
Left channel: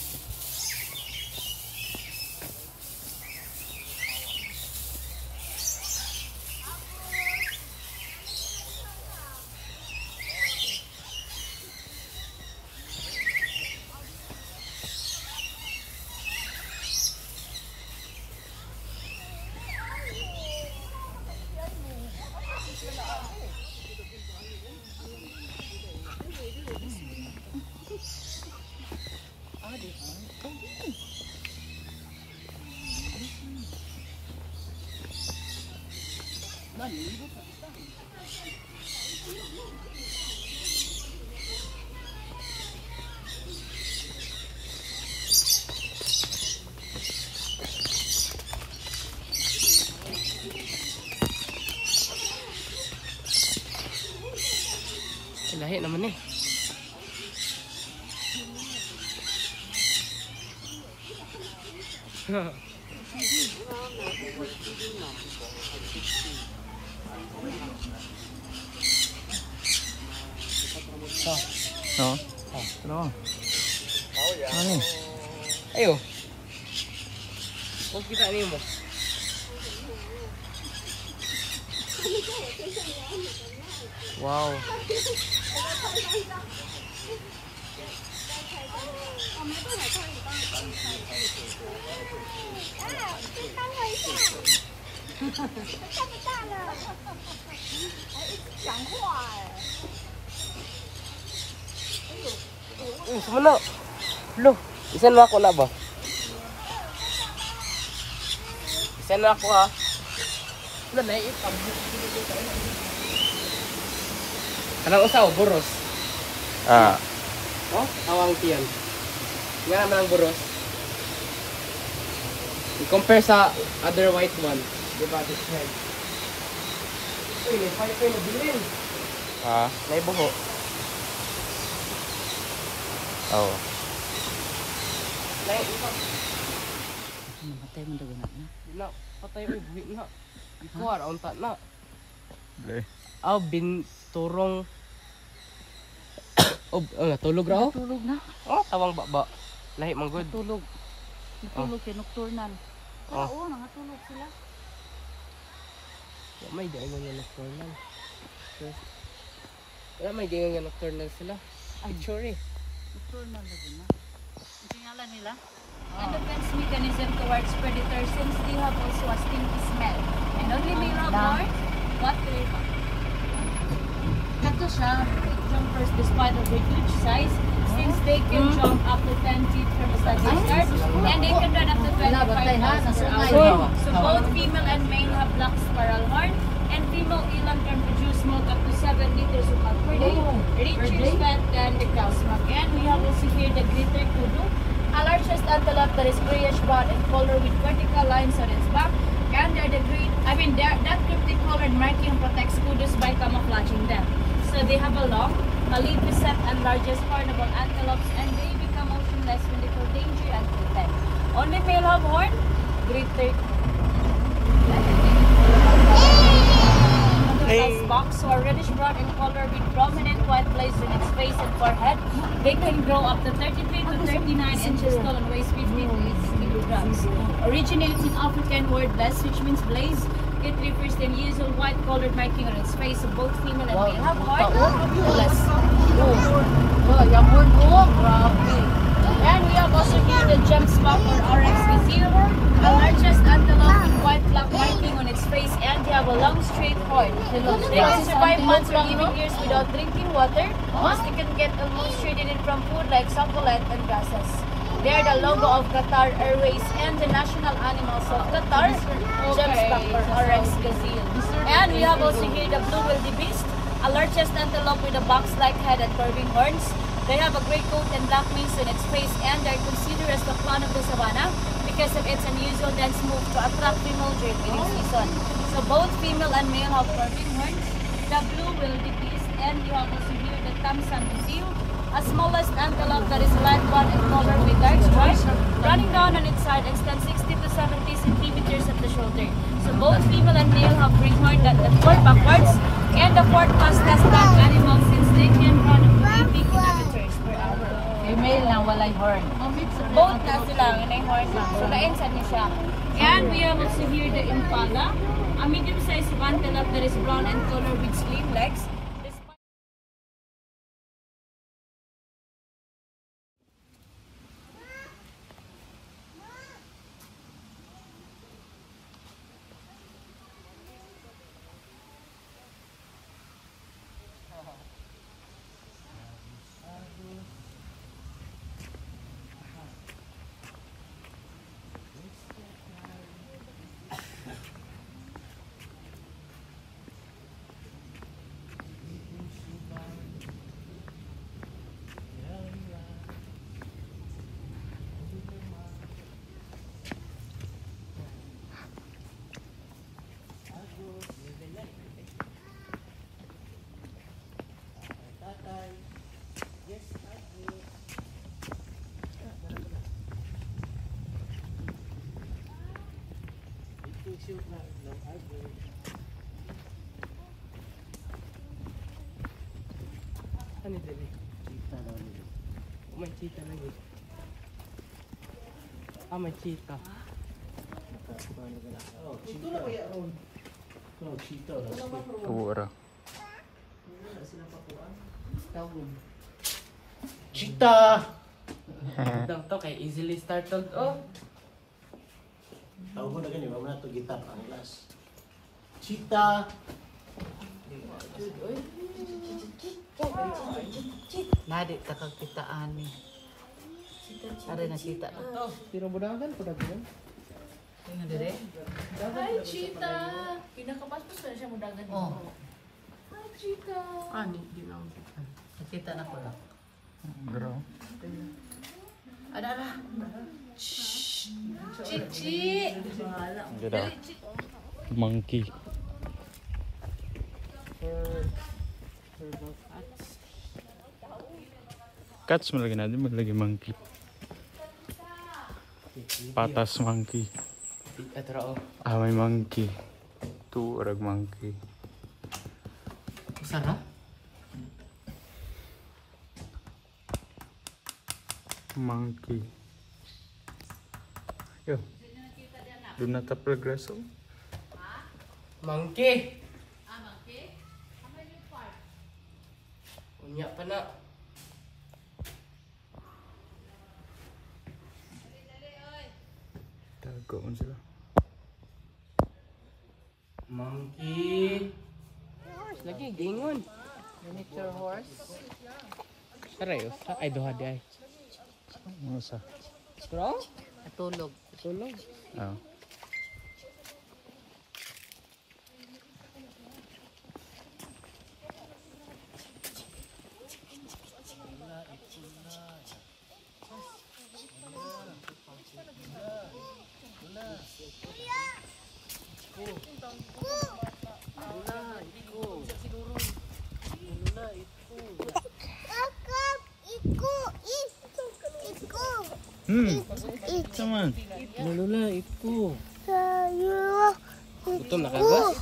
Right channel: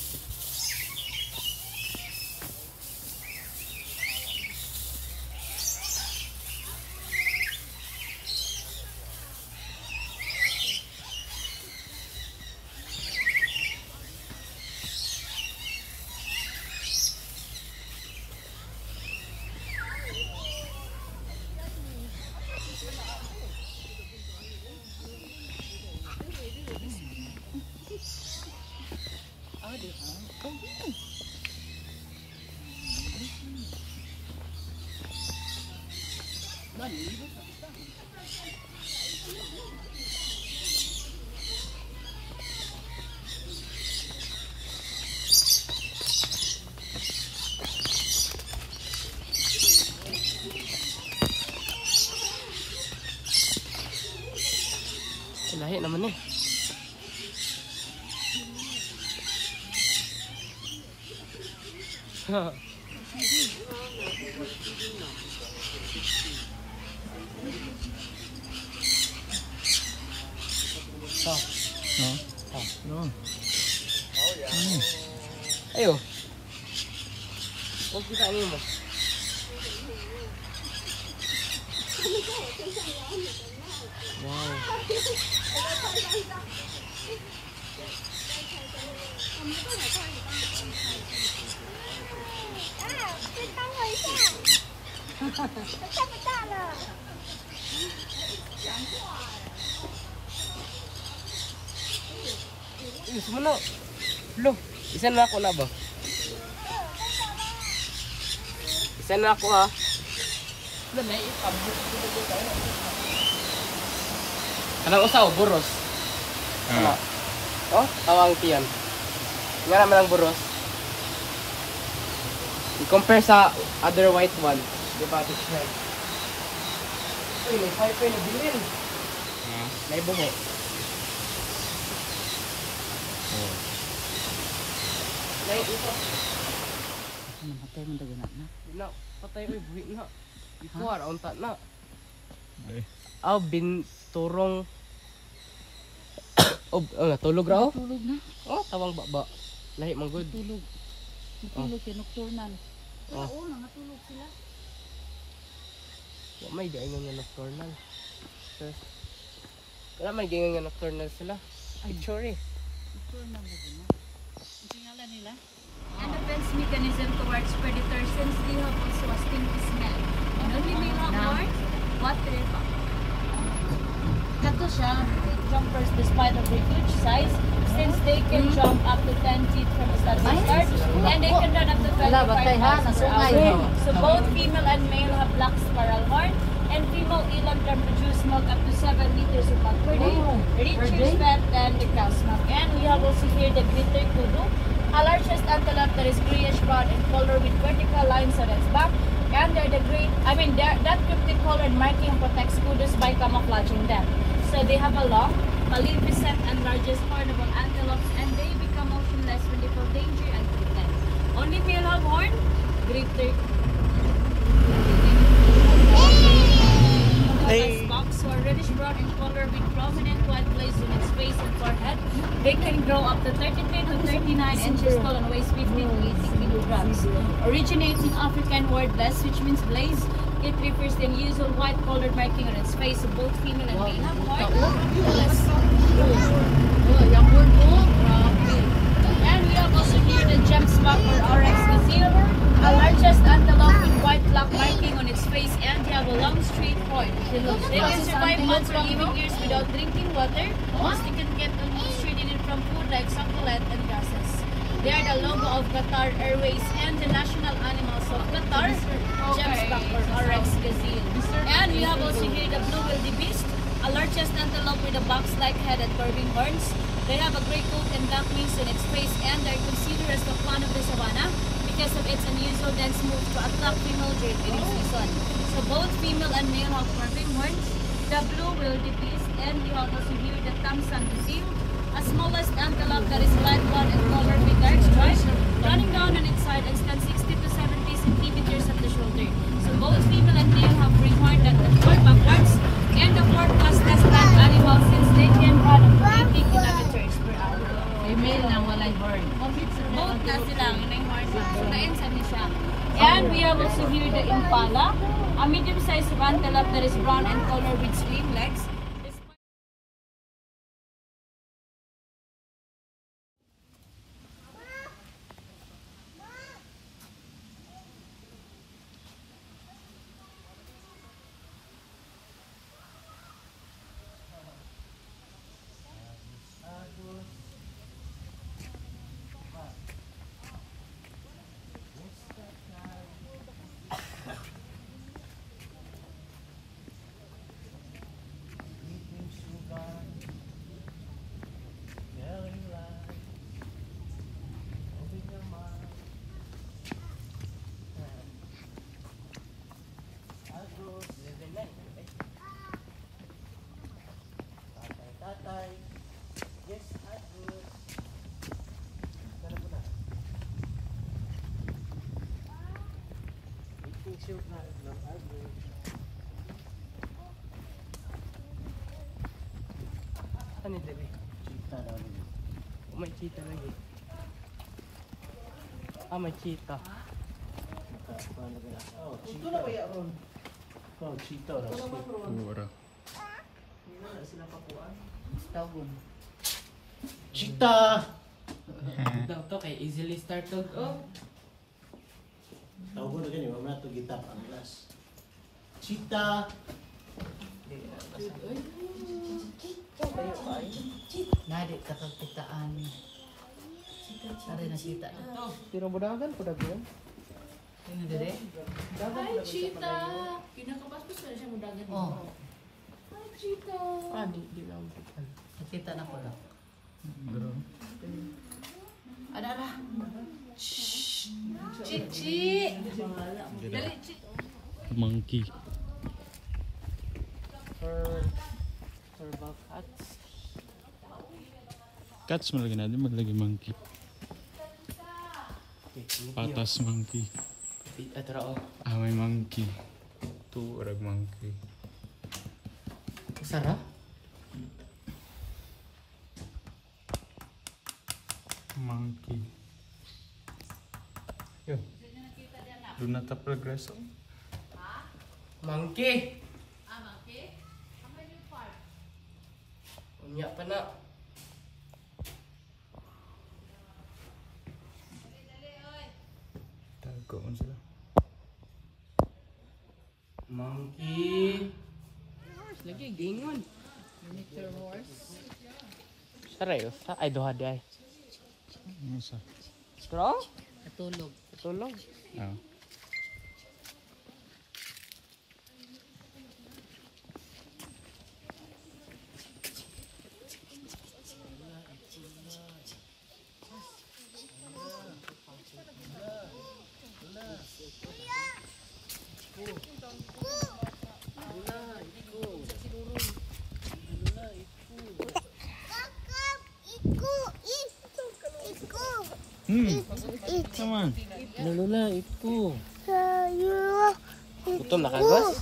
Lahi naman eh. No? Ano? Ano? Ayo. Kung kita niyo mo. Wow. Semua lo. Isan mo ako na ba? Isa na ako ha. Wala na itam. Kanang usaw, buros. Ah, Oh, tawang tiyan. Nga naman ang buros. I-compare sa other white one. Di ba? This red. Uy, may fiber na bilin. ah, May buho. oh. May iba. Namatay mo dagan na. Di na, patay uy, buhi na. Ikuha, raunta na. Dali. Aw, binturong. Oh, natulog raw? Tulog na. Oh, tawang baba. Lahi mang good. Tulog. Natulog kay nocturnal. Oh. Oo, nangatulog sila. Wala may gaingan nga nocturnal. Sure. Wala may gaingan nga nocturnal sila. Picture eh. Nocturnal na din na. Ang tingala nila? And defense mechanism towards predators since they have also a stinky smell. And only may have horns, water. Kato siya, jumpers despite of their huge size, Since they can jump up to 10 feet from the study start, and they can run up to 25 miles per hour. So both female and male have black spiral horn, and female eland can produce milk up to 7 liters of milk per day, richer fat than the cow's milk. And we have also here the glitter kudu, a largest antelope that is grayish brown in color with vertical lines on its back. And they're the great, that cryptic colored marking protects kudus by camouflaging them. So they have a long, maleficent, and largest hornable antelopes, and they become motionless when they feel danger and threatened. Only male have horn, greater. As box or reddish brown in color with prominent white plates in its face and forehead. They can grow up to 33 to 39 inches tall and weighs 50 to 80 kilograms. Originates in African word best, which means blaze. It refers to the usual white colored marking on its face of both female and male have horn. Less. And we have also here the gemsbok or oryx gazelle, the largest antelope with white black marking on its face, and they have a long straight horn. They can survive months or even years without drinking water. Most they can get almost traded in from food like succulent and grasses. They are the logo of Qatar Airways and the national animals of Qatar, gemsbok or oryx gazelle. And we have also here the blue wildebeest, a largest antelope with a box-like head and curving horns. They have a gray coat and black wings on its face, and they are considered as the fawn of the savannah because of its unusual dense move to attract female during breeding season. So both female and male have curving horns. The blue wildebeest, and you have also here the Thompson gazelle, a smallest antelope that is light brown in color with dark stripes running down on its side and stands 60 to 70 centimeters at the shoulder. So both female and male have green horn that report backwards, and the fourth fastest land animal since they can run up to 80 kilometers per hour. Female na walay horn. Both na sila, may horn na. So nainsan ni siya. And we have also here the impala, a medium-sized antelope that is brown in color with slim legs. Ano dali? May cheetah lagi. Ah, may cheetah. Ito na kaya ron. Oh, cheetah. Tuwa ra. Cheetah! Daw to kay easily started. Oh, Tawag ko na ganyan, wala na ito gitar ang last. Cheetah! Nadi kakagpitaan. Ada nakita. pero budagan po daghan. Tingnan dire. Hi, cheetah! Pinakapaspos na siya mo dagat. Oh, Hi, cheetah! Ah, di na ako. nakita na ko na. Bro. Ada. Chichi! Gila. Monkey. Herbal cats. Cats mo lagi natin, lagi monkey. Patas monkey. Atara oh. Ah, may monkey. Tuurag monkey. Sarap. Monkey. Yo. Doon na tapal graso. Monkey. Unya pa na. Tago mo sila. Monkey. Lagi gingon. Mr. Horse. Saray, ay duha di ay. Ano sa? Strong? Natulog. Tulong. Ah. Naman. Lulula, ito. Gutom na kagos?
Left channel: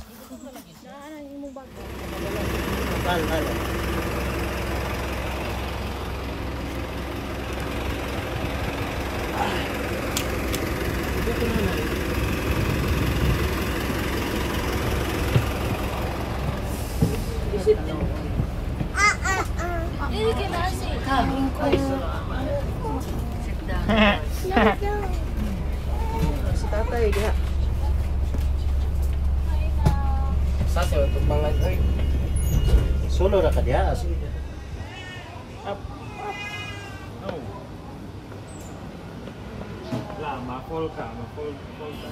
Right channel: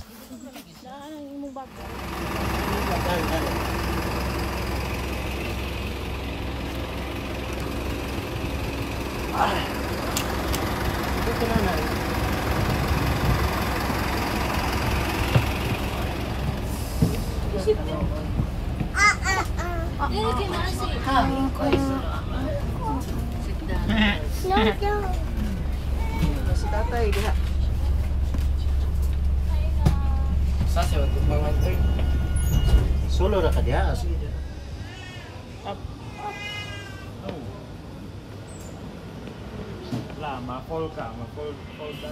Si tatay, diha. Sa siya, tumbangan. Ay, Solo ra ka diha. Sige diha. Oh. La, ma-call ka. Ma-call ka.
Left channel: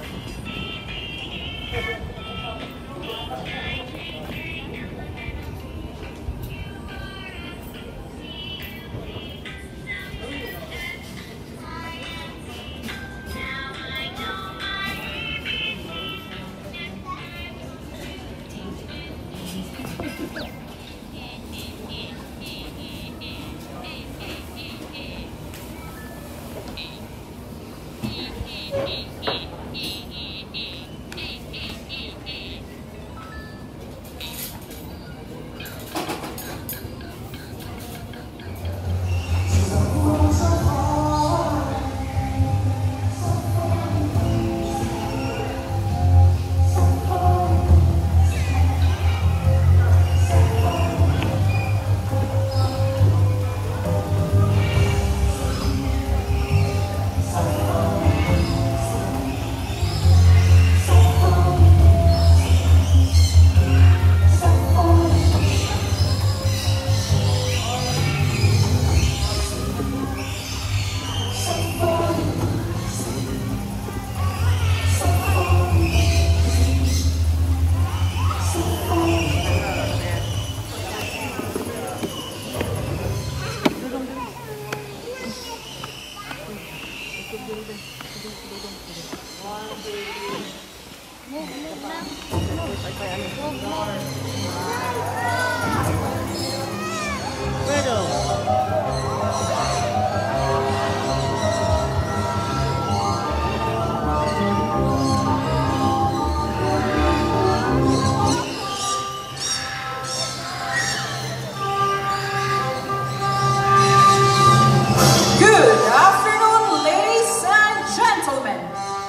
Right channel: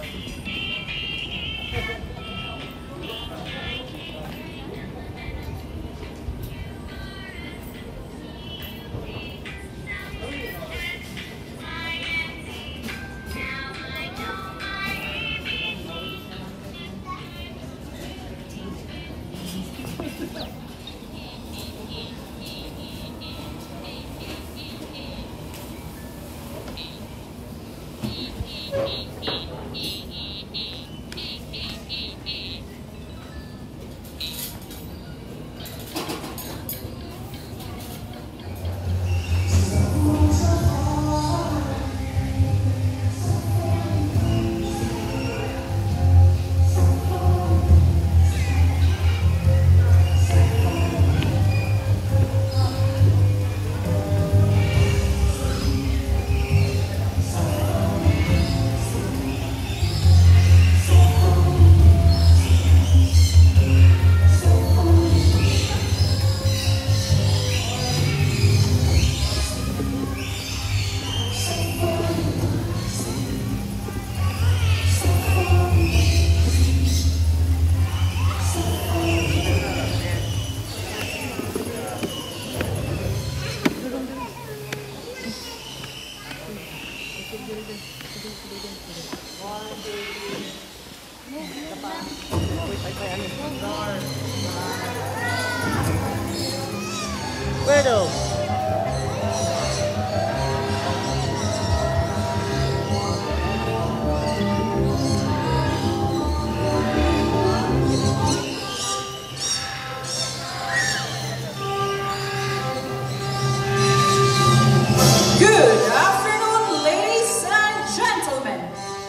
Good afternoon, ladies and gentlemen.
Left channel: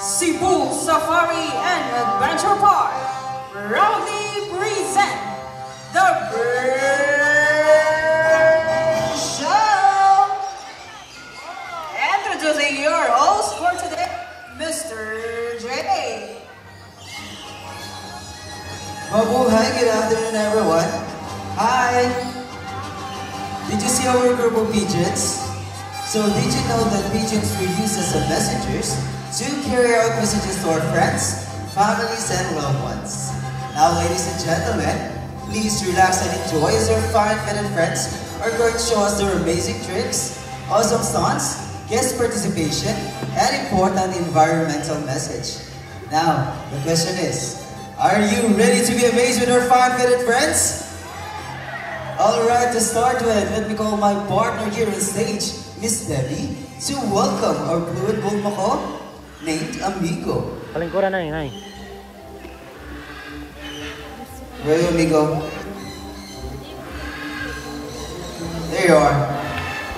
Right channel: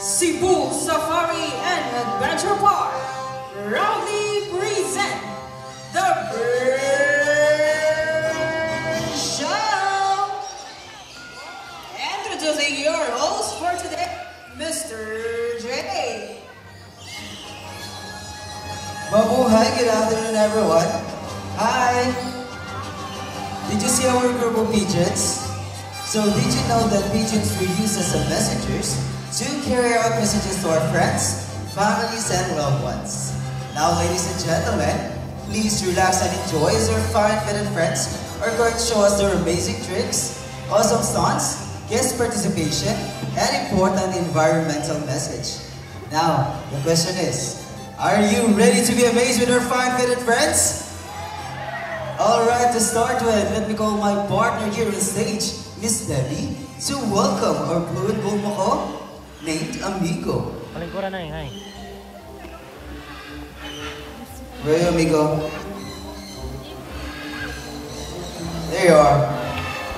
Cebu Safari and Adventure Park proudly present the Bird Show. Introducing your host for today, Mr. J. Mabuhay, good afternoon everyone. Hi! Did you see our group of pigeons? So did you know that pigeons were used as messengers to carry out messages to our friends, families, and loved ones? Now, ladies and gentlemen, please relax and enjoy as our fine-fitted friends are going to show us their amazing tricks, awesome stunts, guest participation, and important environmental message. Now, the question is, are you ready to be amazed with our fine-fitted friends? Alright, to start with, let me call my partner here on stage, Miss Debbie, to welcome our fluid bull mako named Amigo. Palingkuran na yun, ay. Where are you, Amigo? There you are.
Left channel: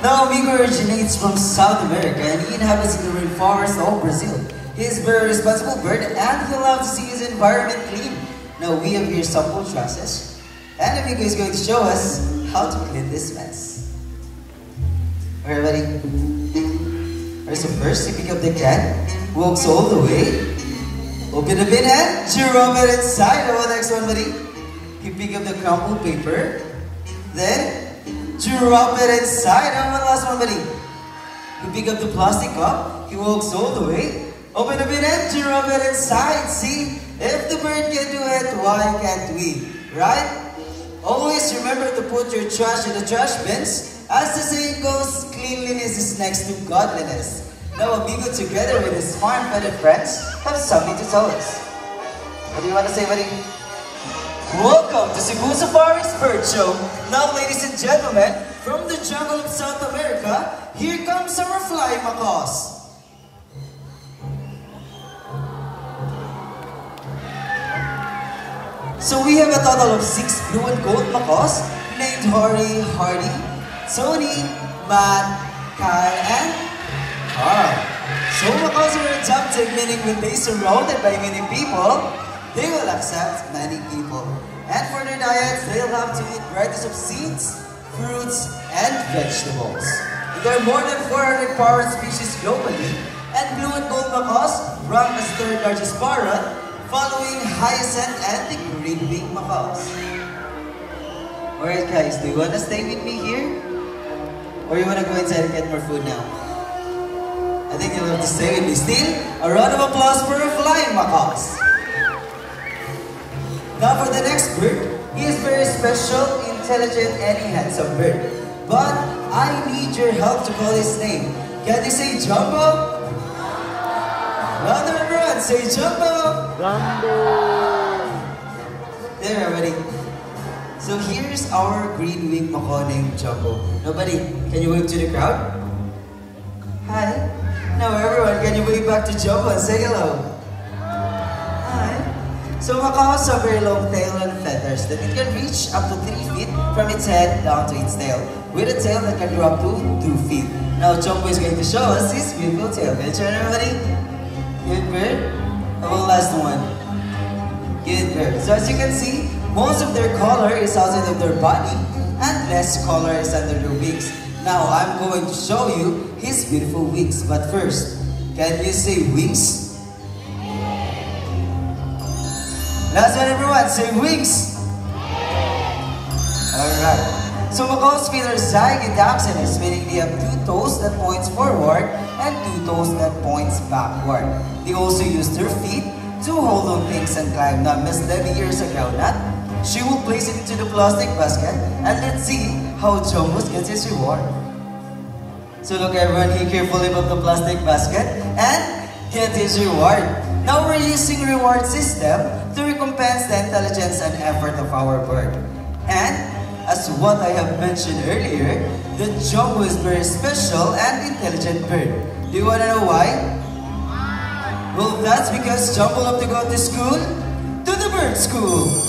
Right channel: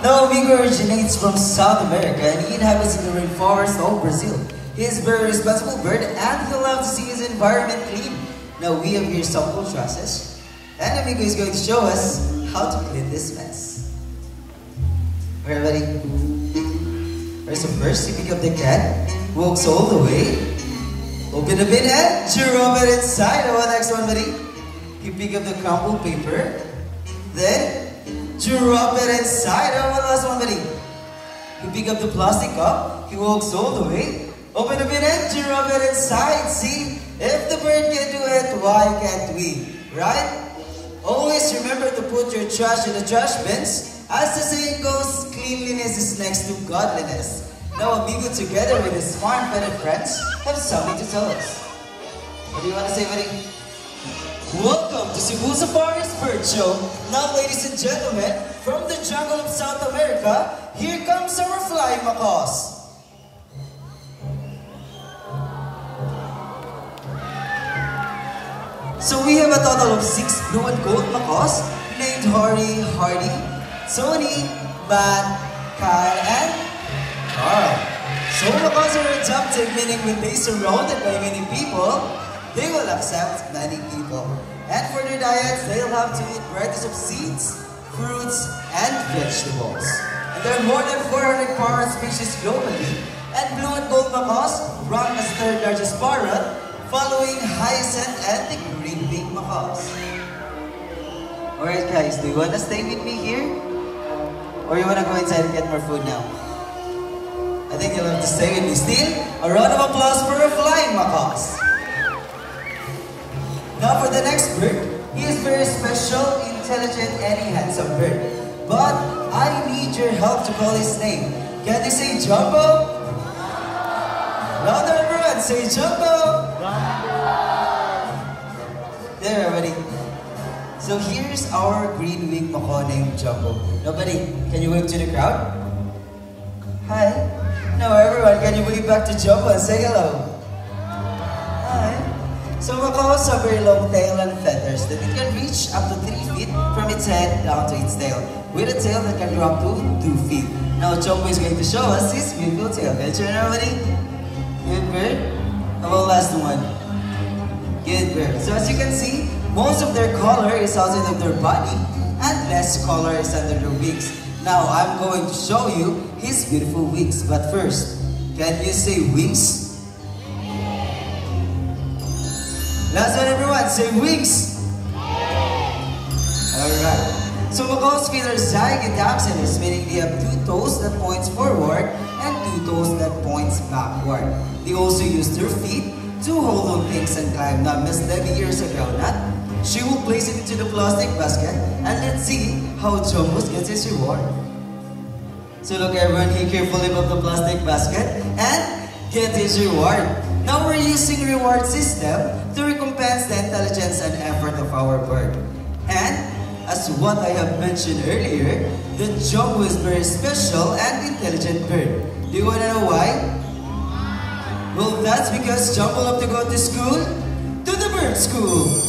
Now, Amigo originates from South America and he inhabits in the rainforest of Brazil. He is a very responsible bird and he loves to see his environment clean. Now, we have here sample trusses and Amigo is going to show us how to clean this mess. Alright, ready? Alright, so first, you pick up the cat, walks all the way, open the bin and drop it inside. What next one, buddy? You pick up the crumpled paper, then drop it inside. What last one, buddy? You pick up the plastic cup, he walks all the way, open the bin and drop it inside. See, if the bird can do it, why can't we? Right? Always remember to put your trash in the trash bins. As the saying goes, cleanliness is next to godliness. Now, Amigo, together with his farm-fed friends, have something to tell us. What do you want to say, buddy? Welcome to Cebu Safari's Bird Show. Now, ladies and gentlemen, from the jungle of South America, here comes our flying macaws. So we have a total of 6 blue and gold macaws named Harry, Hardy, Tony, Matt, Kyle, and Carl. So macaws are adaptive, meaning when they surrounded by many people, they will accept many people. And for their diets, they'll have to eat varieties of seeds, fruits, and vegetables. And there are more than 400 parrot species globally, and blue and gold macaws rank as third largest parrot, following hyacinth and the green-winged macaws. Alright guys, do you want to stay with me here? Or you want to go inside and get more food now? I think you'll have to stay with me. Still, a round of applause for our flying macaws. Now for the next bird, he is very special, intelligent, and he handsome bird. But I need your help to call his name. Can you say Jumbo? Louder everyone, say Jumbo! There, everybody. So here's our green-winged macaw named Jumbo. Nobody, can you wave to the crowd? Hi. Now everyone, can you wave back to Jumbo and say hello? Hi. So macaws have very long tail and feathers that it can reach up to 3 feet from its head down to its tail, with a tail that can grow up to 2 feet. Now Jumbo is going to show us his beautiful tail. Can you turn, everybody? Good bird. How about the last one? Good bird. So as you can see, most of their color is outside of their body and less color is under their wings. Now I'm going to show you his beautiful wings. But first, can you say wings? Last one everyone, say wings. Alright. So macaws feet are zygodaxinous, meaning they have 2 toes that points forward and 2 toes that points backward. They also use their feet to hold on things and climb. Now Miss Debbie here is a groundnut. She will place it into the plastic basket and let's see how Jumbo gets his reward. So look everyone, he carefully put the plastic basket and get his reward. Now we're using reward system to recompense the intelligence and effort of our bird. And as what I have mentioned earlier, the Jumbo is very special and intelligent bird. Do you want to know why? Well, that's because Jumbo loved to go to school, to the bird school.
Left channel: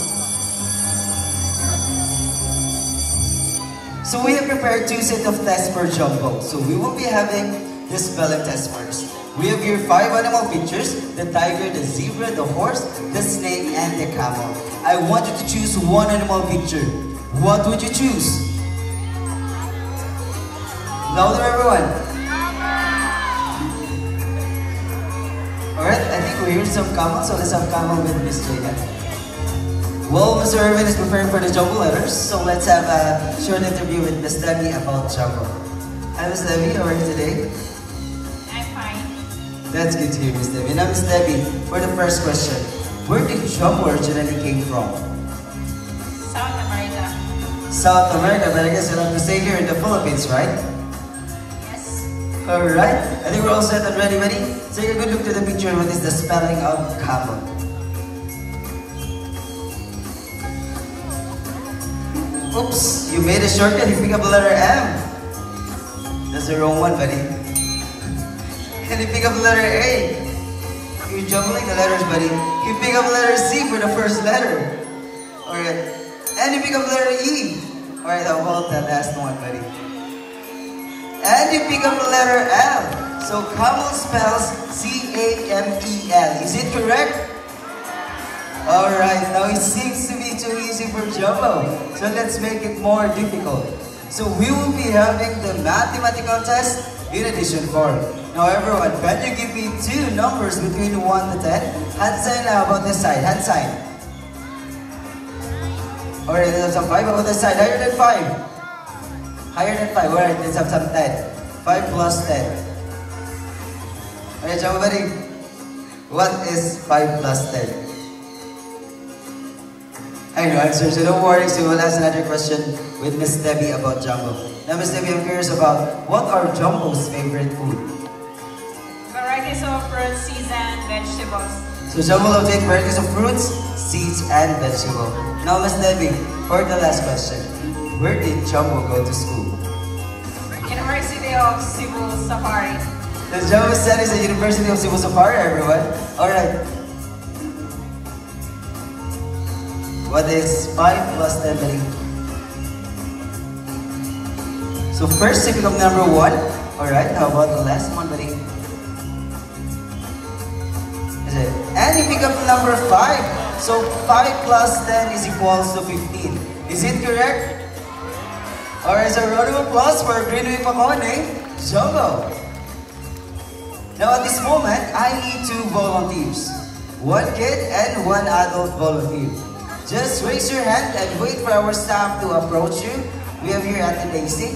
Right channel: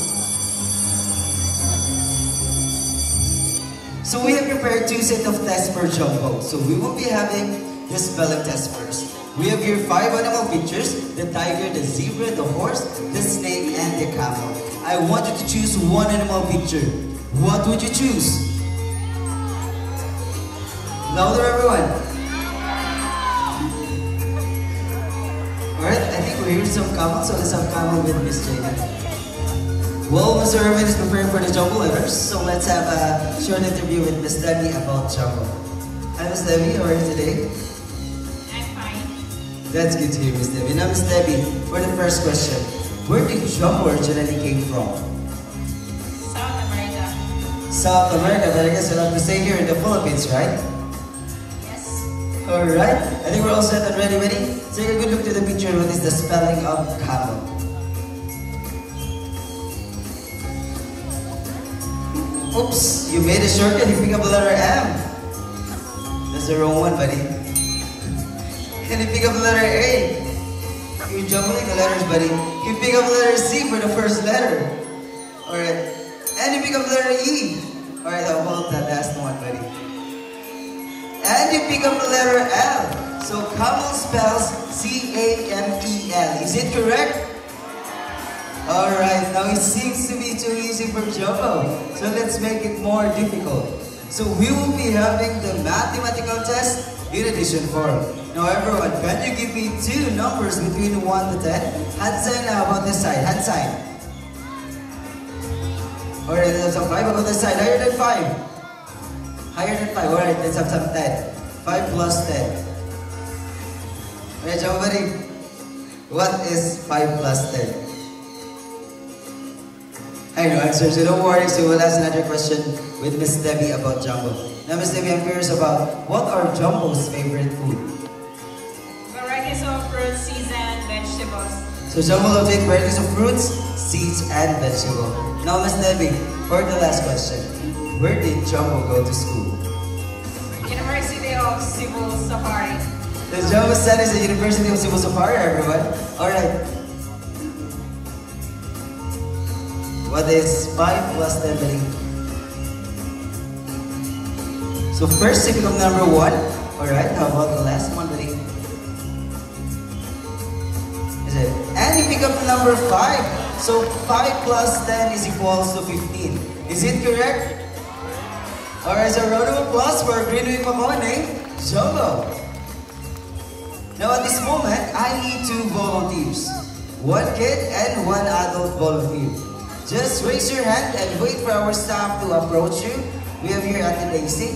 So we have prepared 2 sets of tests for Jumbo. So we will be having the spelling test first. We have here 5 animal pictures: the tiger, the zebra, the horse, the snake, and the camel. I want you to choose one animal picture. What would you choose? Louder everyone. Alright, I think we hear some camel, so let's have camel with Miss Jada. Well, Mr. Irvin is preparing for the Jumbo letters, so let's have a short interview with Miss Debbie about Jumbo. Hi, Miss Debbie. How are you today? I'm fine. That's good to hear, Miss Debbie. Now, Miss Debbie, for the first question, where did Jumbo originally came from? South America. South America, but I guess I'm not mistaken, here in the Philippines, right? Yes. Alright, I think we're all set and ready. Take a good look to the picture. What is the spelling of camel? Oops, you made a shortcut. You pick up the letter M. That's the wrong one, buddy. Can you pick up the letter A? You're jumbling the letters, buddy. You pick up the letter C for the first letter. Alright. And you pick up the letter E. Alright, how about that last one, buddy? And you pick up the letter L. So camel spells C-A-M-E-L. Is it correct? Alright, now it seems to be too easy for Jumbo. So let's make it more difficult. So we will be having the mathematical test in addition form. Now everyone, can you give me two numbers between 1 to 10? Hand sign about this side, hand sign. Alright, let's have 5 about this side, higher than 5. Higher than 5, alright, let's have some 10. 5 plus 10. Alright, Jumbo buddy, what is 5 plus 10? I know answer, so don't worry, so we'll ask another question with Miss Debbie about Jumbo. Now Miss Debbie, I'm curious about, what are Jumbo's favorite food? Varieties of fruits, seeds, and vegetables. So Jumbo will take varieties of fruits, seeds, and vegetables. Now Miss Debbie, for the last question, where did Jumbo go to school? University of Cebu Safari. The Jumbo studies at University of Cebu Safari, everyone. Alright. What is 5 plus 10, buddy? So first, you pick up number 1. Alright, how about the last one, buddy? Is it? And you pick up number 5. So 5 plus 10 is equals to 15. Is it correct? Alright, so round of applause for Greenway Makone, Jumbo. Now at this moment, I need 2 volunteers. 1 kid and 1 adult volunteer. Just raise your hand and wait for our staff to approach you. We have here Ate Daisy.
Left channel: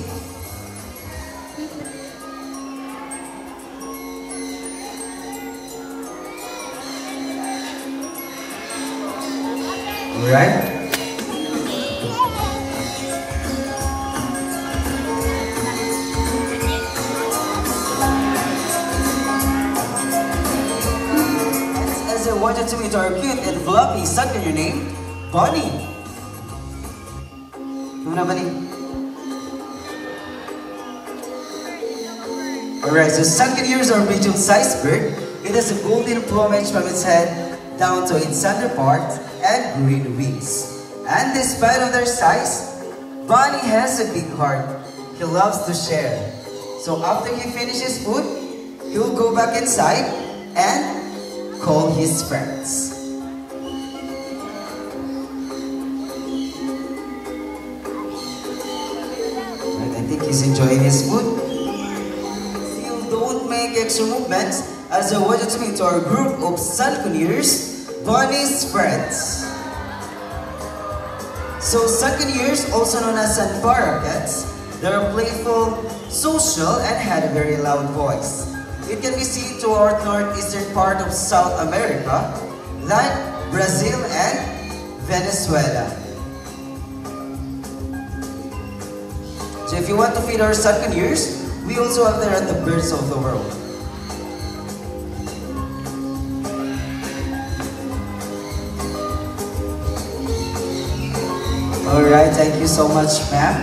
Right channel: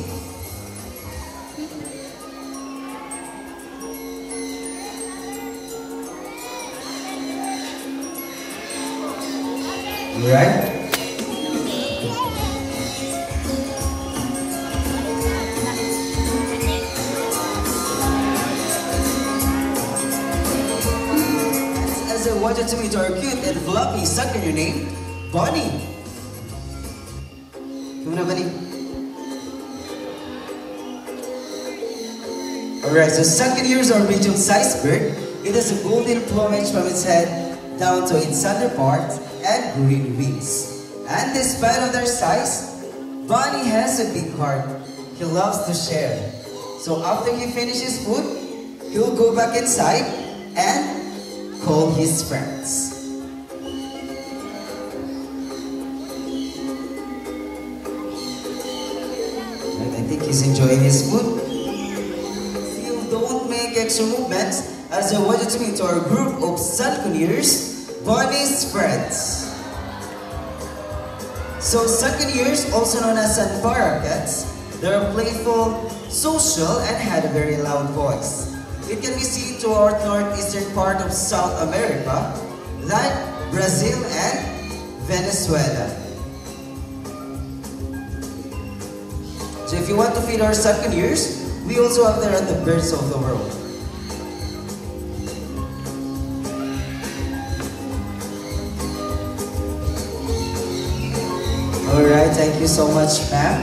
Alright. As I wanted to meet our cute and fluffy second name, Bonnie. Alright, so Succaneers are medium-sized bird. It has a golden plumage from its head down to its center part and green wings. And despite of their size, Bonnie has a big heart. He loves to share. So after he finishes food, he'll go back inside and call his friends. I think he's enjoying his food. Still don't make extra movements as I want you to meet our group of Succaneers, Bonnie's friends. So Succaneers, also known as Sanparacats, they are playful, social, and had a very loud voice. It can be seen to our northeastern part of South America, like Brazil and Venezuela. So if you want to feed our Succaneers, we also have there at the birds of the world. Alright, thank you so much, ma'am.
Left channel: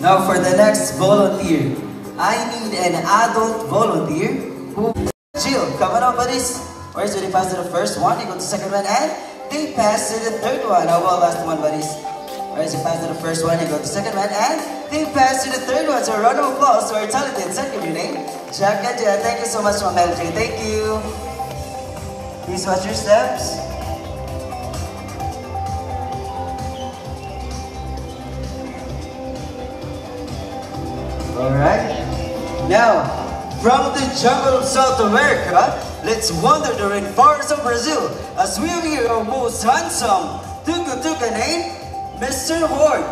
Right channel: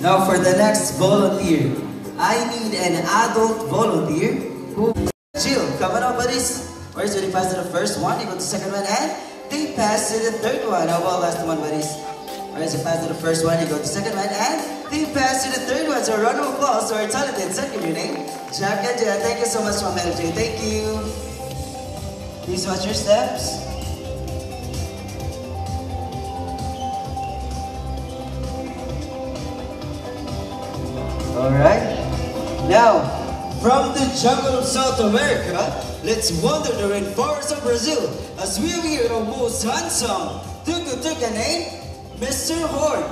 Now for the next volunteer, I need an adult volunteer who chill. Come on, buddies. Alright, so they pass to the first one, they go to the second one, and they pass to the third one. How about last one, buddies? Alright, so pass to the first one, they go to the second one, and they pass to the third one. So a round of applause to our talented second name, Jack and Jen. Thank you so much, Ma'am LJ. Thank you. Please watch your steps. Alright. Now, from the jungle of South America, let's wander the rainforest of Brazil as we hear our most handsome tuca-tuca named Mr. Horde.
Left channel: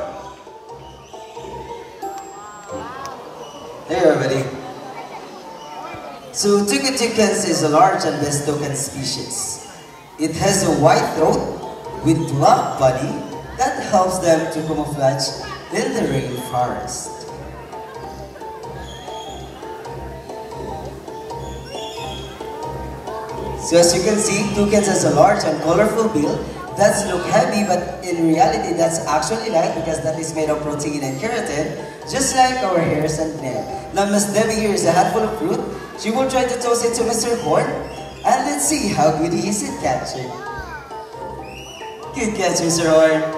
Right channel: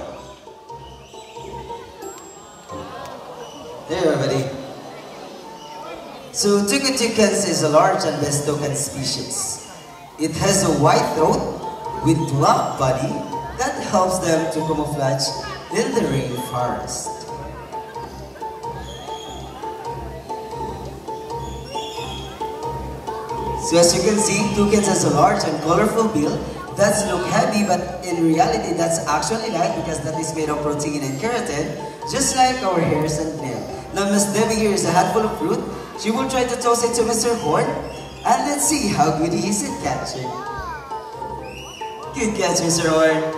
There you are, buddy. So Tucan tucans is a large and best toucan species. It has a white throat with black body that helps them to camouflage in the rainforest. So as you can see, toucans has a large and colorful bill that's look heavy, but in reality that's actually light because that is made of protein and keratin, just like our hairs and nail. Now Miss Debbie here is a handful of fruit. She will try to toss it to Mr. Horn, and let's see how good he is at catching. Good catch, Mr. Horn.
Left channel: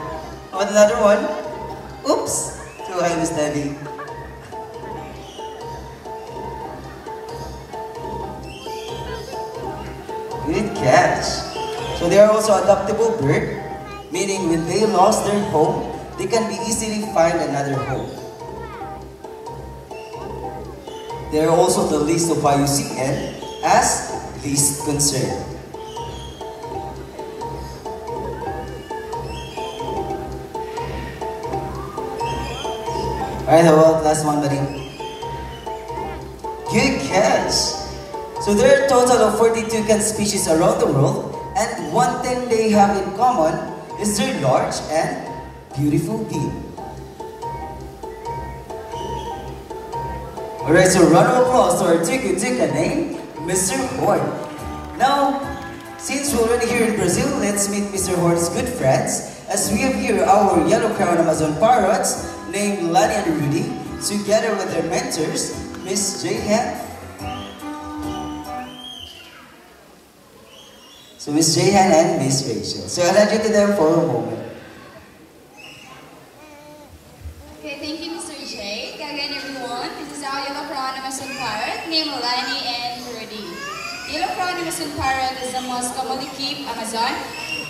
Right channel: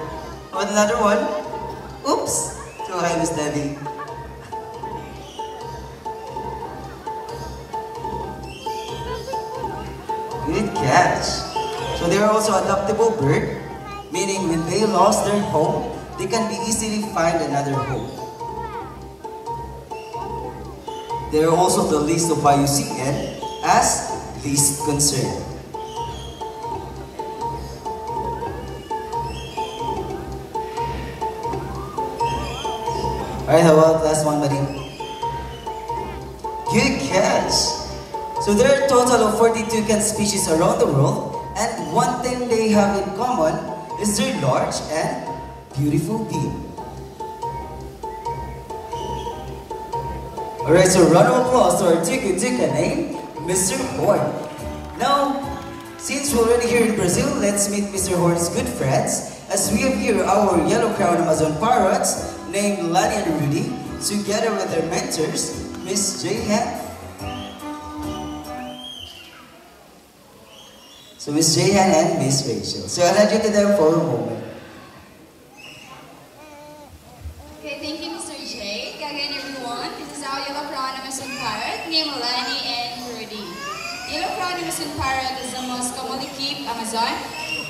Want another one? Oops! Go ahead, Miss Debbie. Good catch. So they are also adaptable bird, meaning when they lost their home, they can be easily find another home. They are also the least of IUCN as least concern. Alright, how about last one, buddy? Good catch! So there are a total of 42 toucan species around the world, and one thing they have in common is their large and beautiful bill. Alright, so round of applause to our Tucan tucan name, Mr. Horn. Now, since we're already here in Brazil, let's meet Mr. Horn's good friends, as we have here our yellow crown Amazon parrots named Lani and Rudy, together with their mentors, Miss Jehan. So Miss Jehan and Miss Rachel. So I'll hand you to them for a moment. Okay, thank you, Mr. J. Again, everyone, this is our yellow crown Amazon parrot named Lani and Rudy. Yellow crown Amazon parrot is the most commonly kept Amazon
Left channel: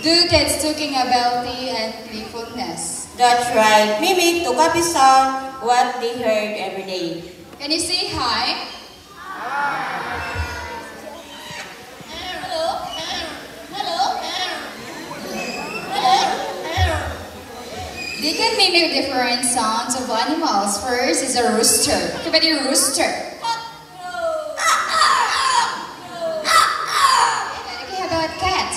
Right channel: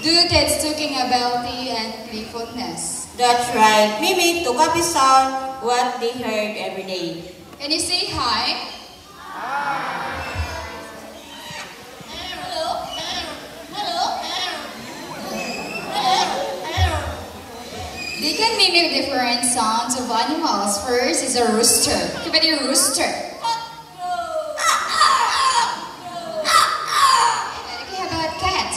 due to its talking ability and playfulness. That's right. Mimi to copy sound what they heard every day. Can you say hi? They can mimic different sounds of animals. First is a rooster. Give it a rooster. Okay, how about cat?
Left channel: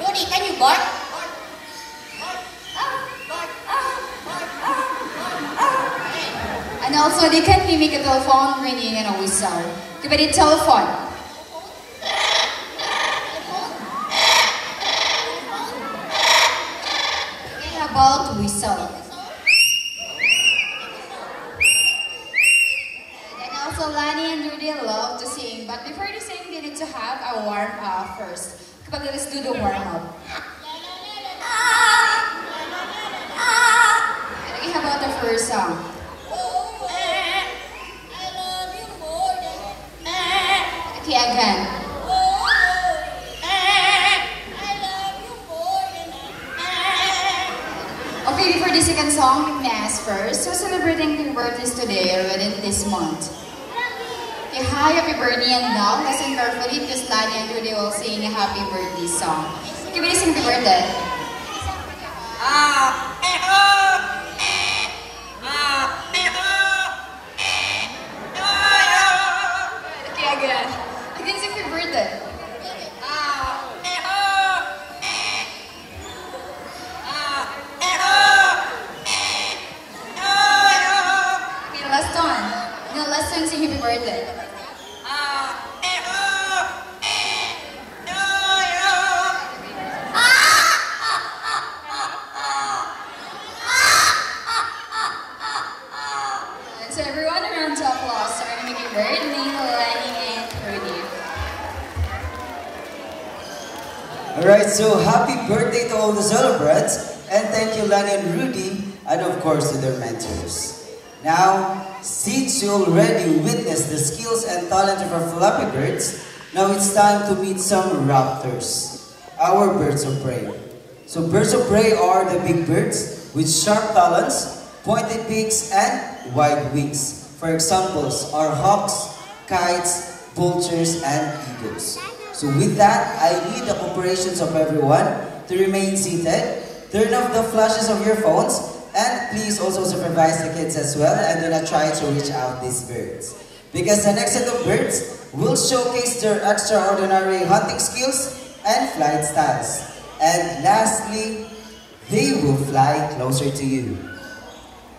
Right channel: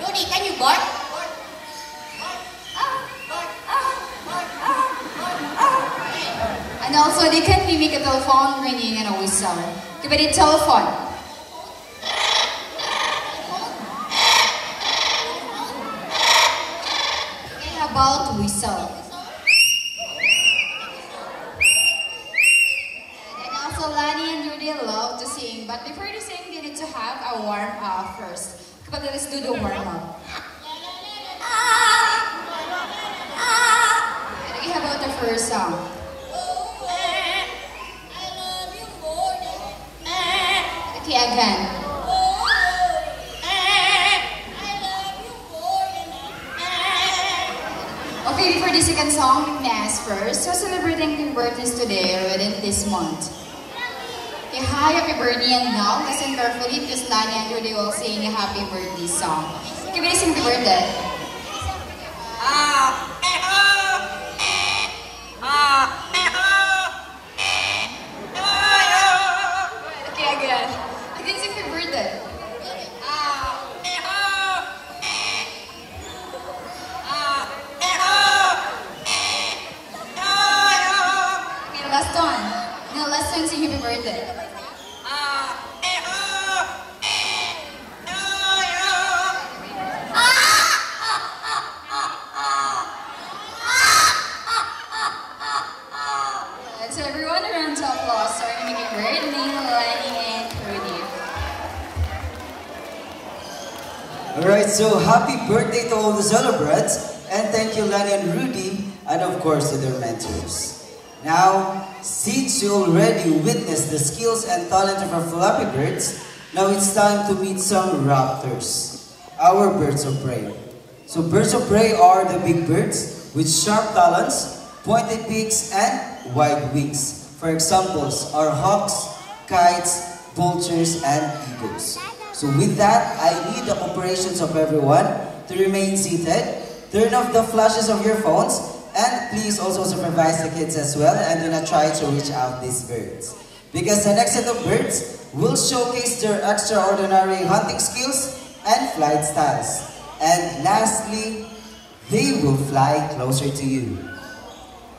Rudy, can you bark? And also they can mimic a telephone ringing and a whistle. Give it a telephone. About whistle. And also Lani and Rudy love to sing, but before they sing, they need to have a warm up first. But let's do the warm up. Okay, how about the first song? Okay, again. Okay, for the second song, we may ask first. So celebrating their birthdays today or within this month. Okay, hi, happy birthday, and now listen carefully because Lani and Rudy will sing a happy birthday song. Okay, we sing happy birthday. Okay, again. Again, sing happy birthday. Last one. No, last time sing happy birthday. So everyone around to applause for our making birthday, Lani and Rudy. Alright, so happy birthday to all the celebrants, and thank you Lani and Rudy, and of course to their mentors. Now, since you already witnessed the skills and talent of our flappy birds, now it's time to meet some raptors, our birds of prey. So birds of prey are the big birds with sharp talons, pointed beaks, and wide wings. For examples are hawks, kites, vultures, and eagles. So with that, I need the cooperations of everyone to remain seated, turn off the flashes of your phones, and please also supervise the kids as well, and do not try to reach out these birds. Because the next set of birds will showcase their extraordinary hunting skills and flight styles. And lastly, they will fly closer to you.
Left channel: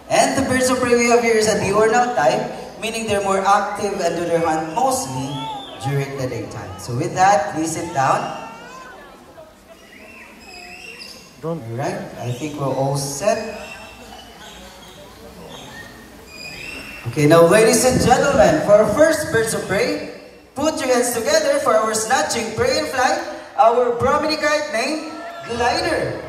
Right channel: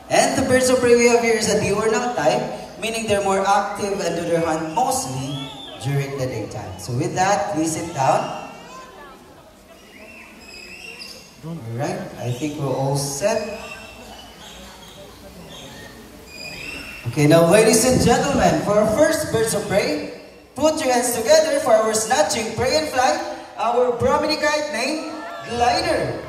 And the birds of prey we have here is a diurnal type, meaning they're more active and do their hunt mostly during the daytime. So with that, please sit down. Alright, I think we're all set. Okay, now ladies and gentlemen, for our first birds of prey, put your hands together for our snatching prey and flight, our Brahmanicite named Glider.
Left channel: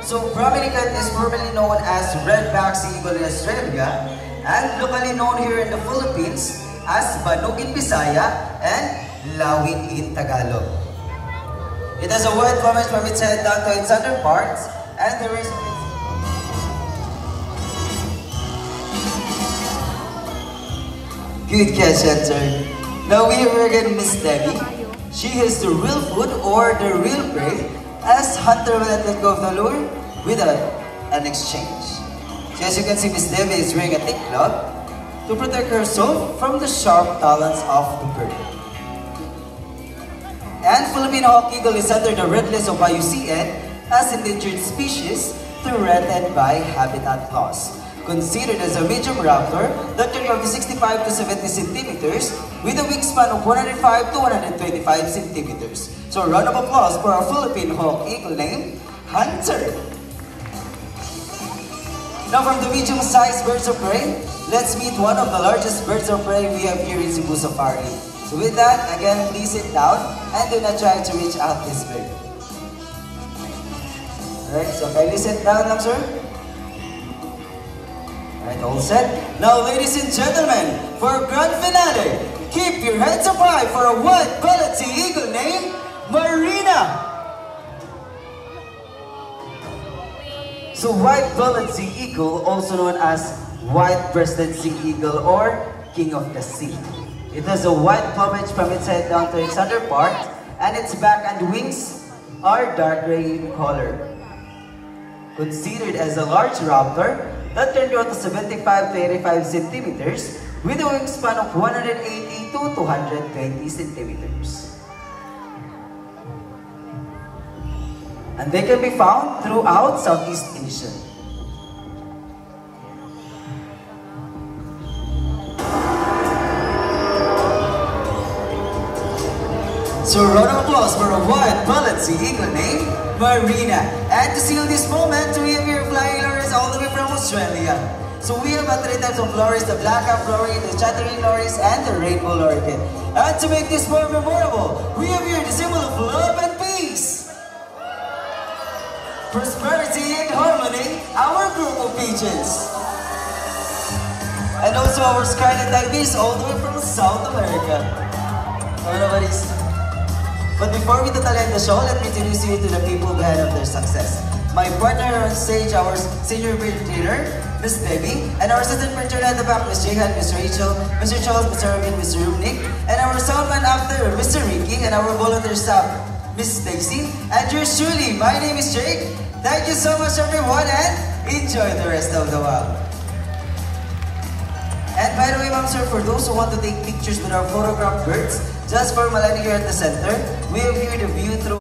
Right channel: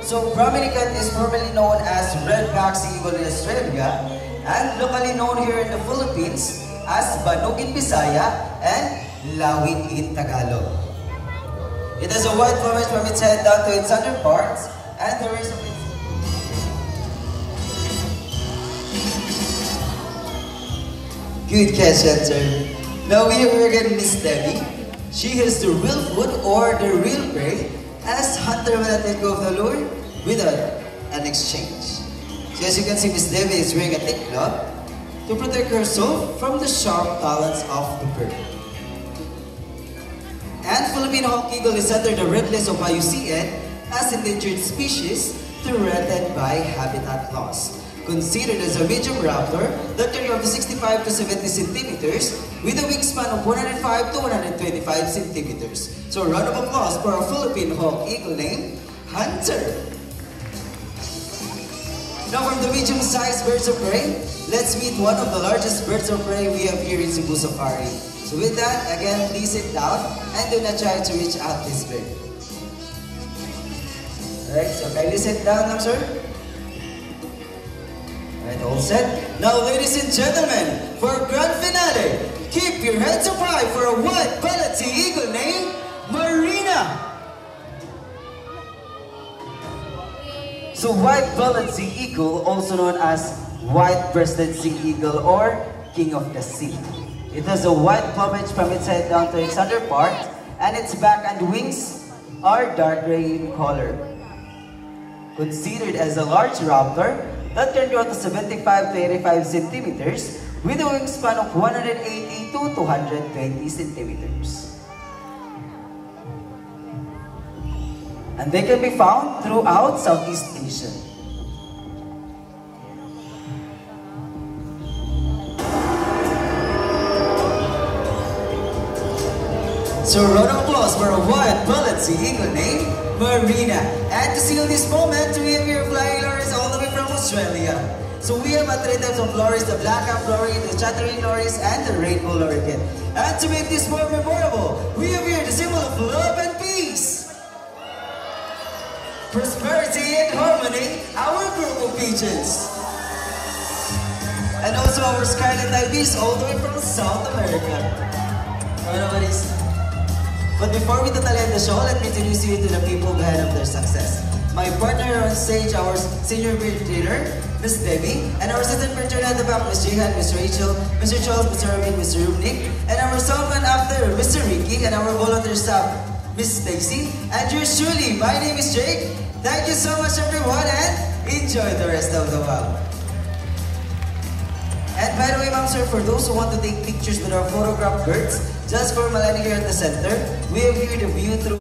So Brahmanicite is formerly known as red-backed sea eagle in Australia and locally known here in the Philippines as Banug in Bisaya and Lawin in Tagalog. It has a white plumage from its head down to its underparts, and the rest of its good catch, Hunter. Now we have again Miss Debbie. She has the real food or the real prey, as Hunter will let go of the lure without an exchange. So as you can see, Miss Debbie is wearing a thick cloth to protect herself from the sharp talons of the bird. And Philippine hawk eagle is under the red list of IUCN as endangered species threatened by habitat loss. Considered as a medium raptor that can grow to 65 to 70 centimeters with a wingspan of 105 to 125 centimeters. So a round of applause for our Philippine hawk eagle named Hunter. Now from the medium-sized birds of prey, let's meet one of the largest birds of prey we have here in Cebu Safari. So with that, again, please sit down and do not try to reach out this bird. Alright, so kindly sit down now, sir. Alright, all set. Now, ladies and gentlemen, for our grand finale, keep your heads up high for a white-bellied sea eagle named Marina. So white-bellied sea eagle, also known as white-breasted sea eagle or king of the sea. It has a white plumage from its head down to its underpart, and its back and wings are dark gray in color. Considered as a large raptor that can grow to 75 to 85 centimeters with a wingspan of 180 to 220 centimeters. And they can be found throughout Southeast Asia. So a round of applause for a white-bellied sea eagle named Marina. And to seal this moment, we have here flying lorries all the way from Australia. So we have three types of lorries: the black-cap lorry, the chattering lorries, and the rainbow lorikeet. And to make this more memorable, we have here the symbol of love and peace, prosperity and harmony, our group of pigeons. And also our scarlet ibis all the way from South America. But before we totally end the show, let me introduce you to the people behind of their success. My partner on stage, our senior bird trainer, Miss Debbie, and our assistant bird trainer at the back, Miss Jihan, Miss Rachel, Mr. Charles, Mr. Robin, Mr. Rubnik, and our soundman after, Mr. Ricky, and our volunteer staff, Miss Stacy, and yours truly, my name is Jake. Thank you so much everyone, and enjoy the rest of the walk. And by the way, ma'am sir, for those who want to take pictures with our photographed birds, just for Malani here at the center, we have here the view through